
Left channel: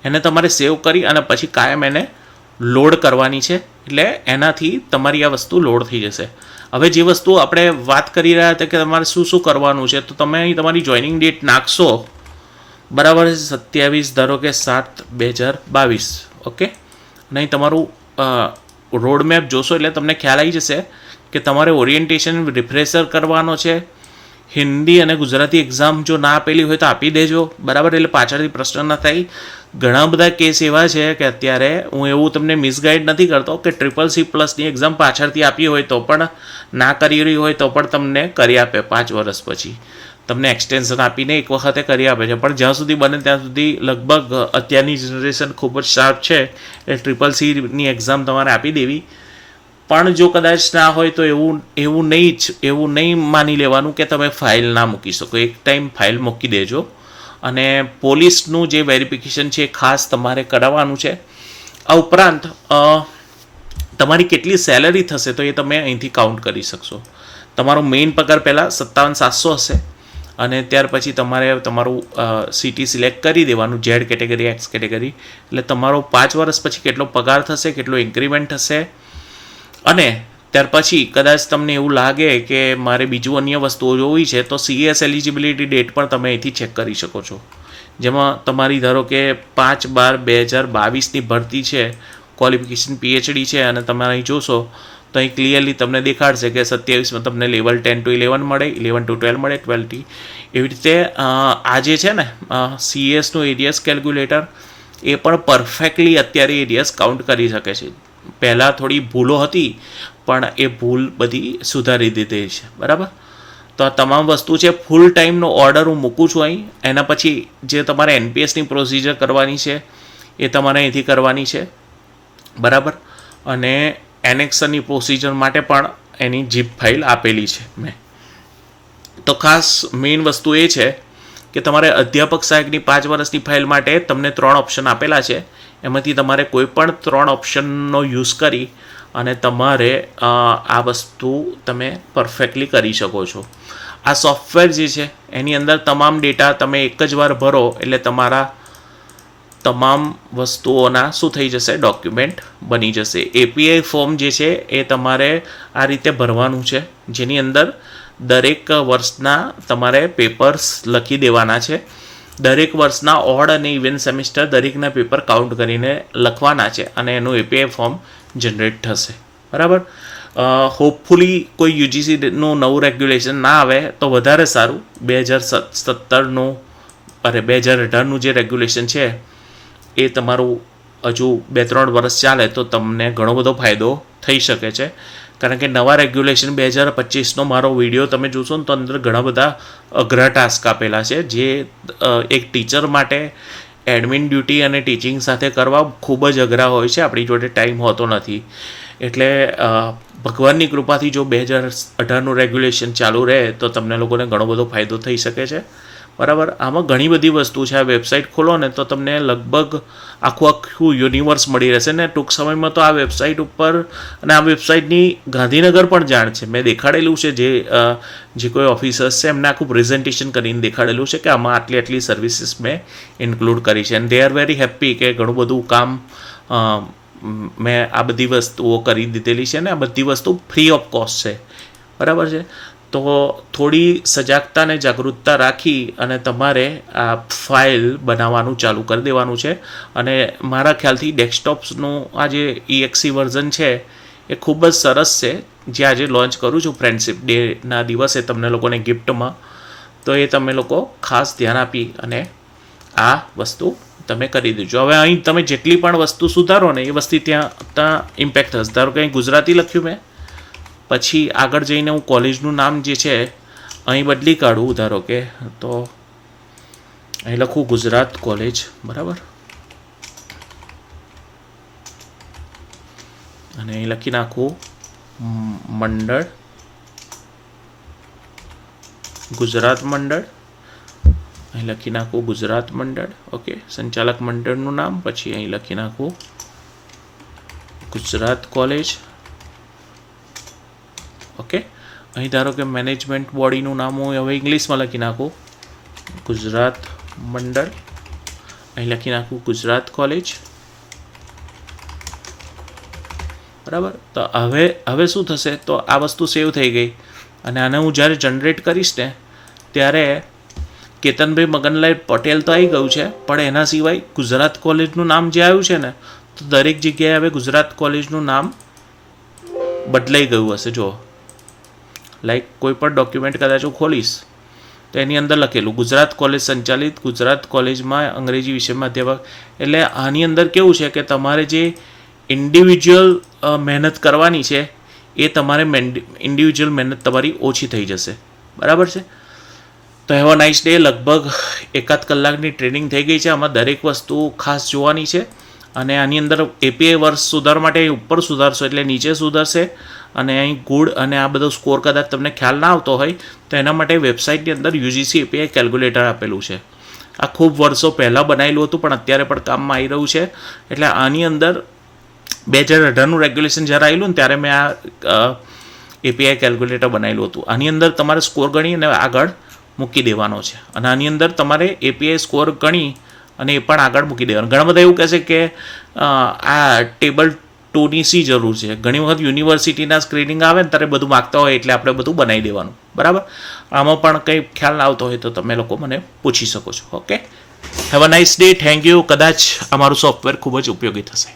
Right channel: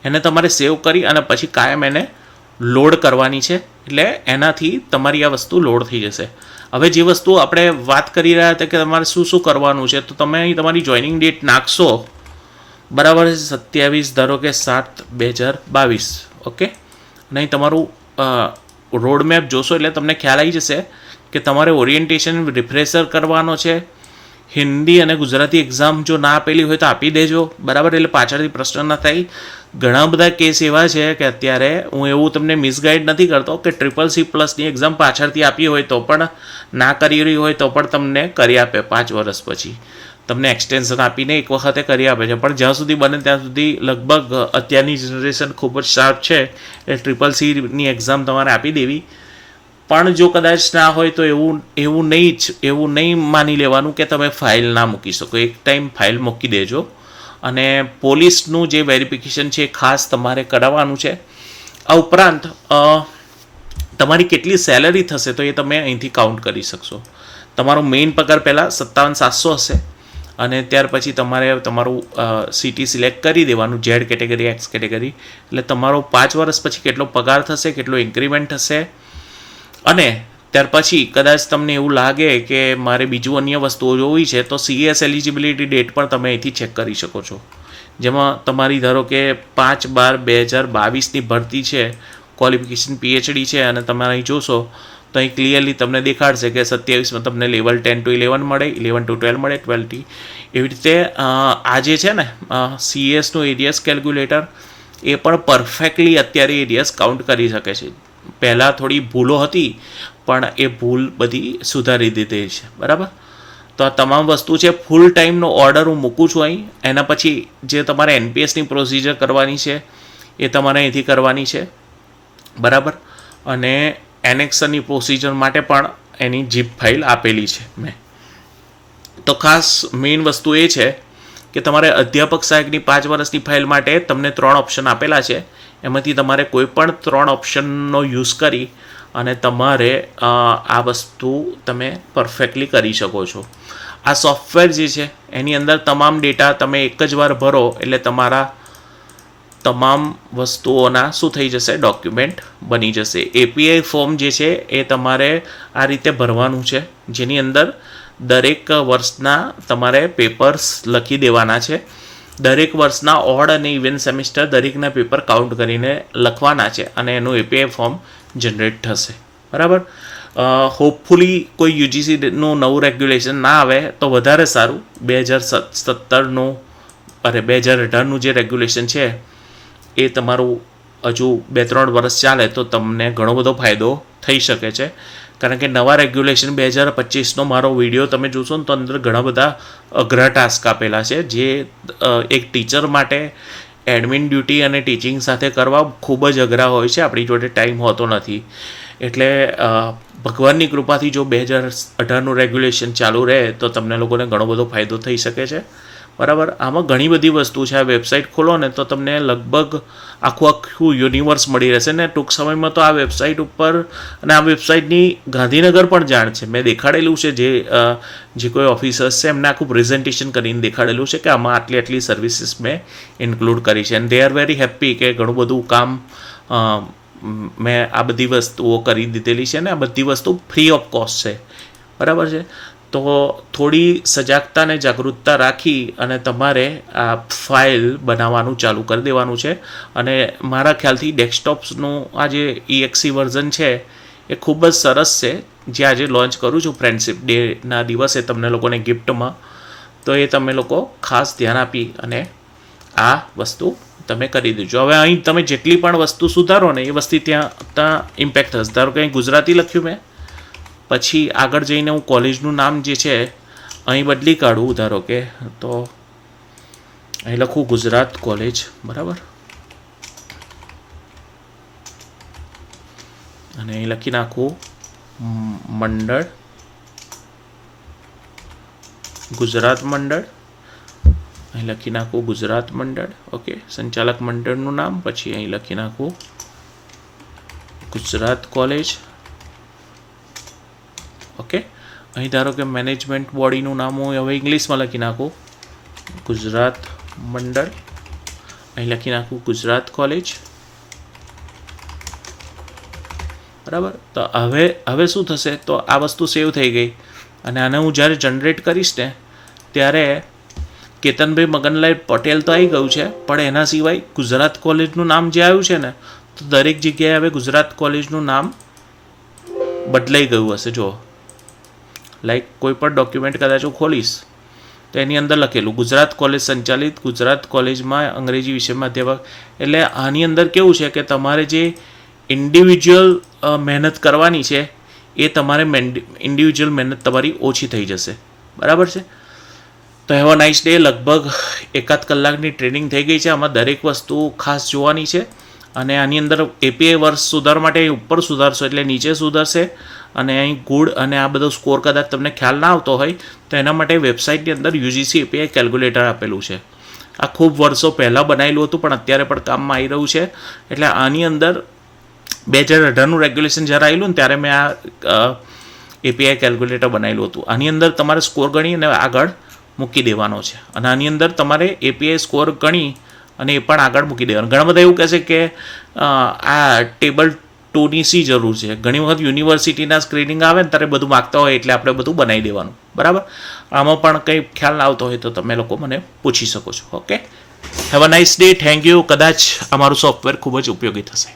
એને તમારે સેવ કરી અને પછી કાયમ એને લોડ કરવાની છે, એટલે એનાથી તમારી આ વસ્તુ લોડ થઈ જશે. હવે જે વસ્તુ આપણે વાત કરી રહ્યા હતા કે તમારે શું શું કરવાનું છે, તો તમે અહીં તમારી જોઈનિંગ ડેટ નાખશો, બરાબર છે, 27/7/2022, ઓકે. અને અહીં તમારું રોડ મેપ જોશો એટલે તમને ખ્યાલ આવી જશે કે તમારે ઓરિએન્ટેશન રિફ્રેશર કરવાનો છે. હિન્દી અને ગુજરાતી એક્ઝામ જો ના આપેલી હોય તો આપી દેજો, બરાબર, એટલે પાછળથી પ્રશ્ન ન થાય. ઘણા બધા કેસ એવા છે કે અત્યારે હું એવું તમને મિસગાઈડ નથી કરતો કે CCC+ની એક્ઝામ પાછળથી આપી હોય તો પણ ના કરી રહી હોય તો પણ તમને કરી આપે 5 વર્ષ પછી, તમને એક્સટેન્શન આપીને એક વખતે કરી આપે છે. પણ જ્યાં સુધી બને ત્યાં સુધી લગભગ અત્યારની જનરેશન ખૂબ જ શાર્પ છે એટલે CCCની એક્ઝામ તમારે આપી દેવી. પણ જો કદાચ ના હોય તો એવું નહીં માની લેવાનું કે તમે ફાઇલ ના મૂકી શકો. એક ટાઈમ ફાઇલ મૂકી દેજો. અને પોલીસનું જે વેરિફિકેશન છે એ ખાસ તમારે કરાવવાનું છે. આ ઉપરાંત તમારી કેટલી સેલરી થશે તો એ તમે અહીંથી કાઉન્ટ કરી શકશો. તમારો મેઇન પગાર પહેલાં 57,700 હશે અને ત્યાર પછી તમારે તમારું સિટી સિલેક્ટ કરી દેવાનું, ઝેડ કેટેગરી, એક્સ કેટેગરી. એટલે તમારો 5 વર્ષ પછી કેટલો પગાર થશે, કેટલો ઇન્ક્રીમેન્ટ થશે. અને ત્યાર પછી કદાચ તમને એવું લાગે કે મારે બીજું અન્ય વસ્તુઓ જોવી છે તો CS એલિજિબિલિટી ડેટ પણ તમે અહીંથી ચેક કરી શકો છો, જેમાં તમારી ધારો કે 5/12/2022ની ભરતી છે, ક્વોલિફિકેશન PhD છે, અને તમે અહીં જોશો તો અહીં ક્લિયરલી તમને દેખાડશે કે 27માં તમને લેવલ 10 to 11 મળે, 11 to 12 મળે, 12 થી એવી રીતે. આ જે છે ને CSનું એરિયસ કેલ્ક્યુલેટર એ પણ પરફેક્ટલી અત્યારે એરિયસ કાઉન્ટ કરી શકે છે. પહેલાં થોડી ભૂલો હતી પણ એ ભૂલ બધી સુધારી દીધી છે, બરાબર. તો આ તમામ વસ્તુ છે. ફૂલ ટાઈમનો ઓર્ડર હું મૂકું છું અહીં. એના પછી જે તમારે NPSની પ્રોસિજર કરવાની છે એ તમારે અહીંથી કરવાની છે, બરાબર. અને એનેક્સરની પ્રોસિજર માટે પણ એની જીપ ફાઇલ આપેલી છે મેં. તો ખાસ મેઇન વસ્તુ એ છે કે તમારે અધ્યાપક સહાયકની 5 વર્ષની ફાઇલ માટે તમને 3 ઓપ્શન આપેલા છે. એમાંથી તમારે કોઈ પણ 3 ઓપ્શનનો યુઝ કરી અને તમારે આ વસ્તુ તમે પરફેક્ટલી કરી શકો છો. આ સોફ્ટવેર જે છે એની અંદર તમામ ડેટા તમે એક જ વાર ભરો એટલે તમારા તમામ વસ્તુઓના શું થઈ જશે, ડોક્યુમેન્ટ બની જશે. API ફોર્મ જે છે એ તમારે આ રીતે ભરવાનું છે, જેની અંદર દરેક વર્ષના તમારે પેપર્સ લખી દેવાના છે. દરેક વર્ષના ઓડ અને ઇવન સેમિસ્ટર દરેકના પેપર કાઉન્ટ કરીને લખવાના છે અને એનું API ફોર્મ જનરેટ થશે, બરાબર. હોપફુલી કોઈ UGCનું નવું રેગ્યુલેશન ના આવે તો વધારે સારું. 2017નું 2018નું જે રેગ્યુલેશન છે એ તમારું હજુ 2-3 વર્ષ ચાલે તો તમને ઘણો બધો ફાયદો થઈ શકે છે. કારણ કે નવા રેગ્યુલેશન 2025નો મારો વિડીયો તમે જોશો ને તો અંદર ઘણા બધા અઘરા ટાસ્ક આપેલા છે, જે એક ટીચર માટે એડમિન ડ્યુટી અને ટીચિંગ સાથે કરવા ખૂબ જ અઘરા હોય છે. આપણી જોડે ટાઈમ હોતો નથી. એટલે ભગવાનની કૃપાથી જો 2018નું રેગ્યુલેશન ચાલુ રહે તો તમને લોકોને ઘણો બધો ફાયદો થઈ શકે છે, બરાબર. આમાં ઘણી બધી વસ્તુ છે. આ વેબસાઇટ ખોલો ને તો તમને લગભગ આખું યુનિવર્સ મળી રહેશે ને ટૂંક સમયમાં તો આ વેબસાઇટ ઉપર, અને આ વેબસાઇટની ગાંધીનગર પણ જાણ છે. મેં દેખાડેલું છે, જે કોઈ ઓફિસર્સ છે એમને આખું પ્રેઝન્ટેશન કરીને દેખાડેલું છે કે આમાં આટલી સર્વિસીસ મેં ઇન્ક્લુડ કરી છે. And they are very happy કે ઘણું બધું કામ મેં આ બધી વસ્તુઓ કરી દીધેલી છે, ને આ બધી વસ્તુ ફ્રી ઓફ કોસ્ટ છે, બરાબર છે. તો થોડી સજાગતા અને જાગૃતતા રાખી અને તમારે આ ફાઇલ બનાવવાનું ચાલુ કરી દેવાનું છે. અને મારા ખ્યાલથી ડેસ્કટોપ્સનું આ જે EXE વર્ઝન છે એ ખૂબ જ સરસ છે, જે આજે લોન્ચ કરું છું ફ્રેન્ડશિપ ડેના દિવસે તમને લોકોને ગિફ્ટમાં. તો એ તમે લોકો ખાસ ધ્યાન આપી અને આ વસ્તુ તમે કરી દેજો. હવે અહીં તમે જેટલી પણ વસ્તુ સુધારો ને એ વસ્તુ ત્યાં ઇમ્પેક્ટ થશે. ધારો કે અહીં ગુજરાતી લખ્યું મેં, પછી આગળ જઈને હું કોલેજનું નામ જે છે અહીં બદલી કાઢું. ધારો કે તો અહીં લખું ગુજરાત કોલેજ, બરાબર. અને અહીં લખી નાખું મંડળ, ગુજરાત મંડળ. અહીં લખી નાખું ગુજરાત મંડળ, ઓકે. સંચાલક મંડળનું નામ, પછી અહીં લખી નાખું ગુજરાત કોલેજ, ઓકે. અહીં ધારો કે મેનેજમેન્ટ બોડીનું નામ હું હવે ઇંગ્લિશમાં લખી નાખું ગુજરાત મંડળ. અહીં લખી નાખું ગુજરાત કોલેજ, બરાબર. તો હવે શું થશે, તો આ વસ્તુ સેવ થઈ ગઈ. અને આને હું જ્યારે જનરેટ કરીશ ને ત્યારે કેતનભાઈ મગનલાલ પટેલ તો આવી ગયું છે, પણ એના સિવાય ગુજરાત કોલેજનું નામ જે આવ્યું છે ને, તો દરેક જગ્યાએ હવે ગુજરાત કોલેજનું નામ બદલાઈ ગયું હશે. જો લાઈક કોઈ પણ ડોક્યુમેન્ટ કદાચ હું ખોલીશ તો એની અંદર લખેલું ગુજરાત કોલેજ સંચાલિત ગુજરાત કોલેજમાં અંગ્રેજી વિષયમાં અધ્યાપક. એટલે આની અંદર કેવું છે કે તમારે જે ઇન્ડિવિજ્યુઅલ મહેનત કરવાની છે એ તમારે ઇન્ડિવિજ્યુઅલ મહેનત તમારી ઓછી થઈ જશે, બરાબર છે. તો હેવ અ નાઇસ ડે. લગભગ 1-8 કલાકની ટ્રેનિંગ થઈ ગઈ છે. આમાં દરેક વસ્તુ ખાસ જોવાની છે. અને આની અંદર API વર્ષ સુધાર માટે ઉપર સુધારશો એટલે નીચે સુધરશે. અને અહીં ગુડ અને આ બધો સ્કોર કદાચ તમને ખ્યાલ ના આવતો હોય તો એના માટે વેબસાઇટની અંદર UGC API કેલ્ક્યુલેટર આપેલું છે. આ ખૂબ વર્ષો પહેલાં બનાવેલું હતું પણ અત્યારે પણ કામમાં આવી રહ્યું છે. એટલે આની અંદર 2018નું રેગ્યુલેશન જ્યારે આવેલું ને ત્યારે મેં આ API કેલ્ક્યુલેટર બનાવેલું હતું. આની અંદર તમારે સ્કોર ગણી અને આગળ મૂકી દેવાનો છે અને આની અંદર તમારે એપીઆઈ સ્કોર ગણી અને એ પણ આગળ મૂકી દેવાનું. ઘણા બધા એવું કહેશે કે આ ટેબલ 2ની શી જરૂર છે. ઘણી વખત યુનિવર્સિટીના સ્ક્રીનિંગ આવે ને ત્યારે બધું માગતા હોય એટલે આપણે બધું બનાવી દેવાનું. બરાબર, આમાં પણ કંઈ ખ્યાલ ના આવતો હોય તો તમે લોકો મને પૂછી શકો છો. Okay, have a nice day. Thank you. કદાચ અમારું સોફ્ટવેર ખૂબ જ ઉપયોગી થશે.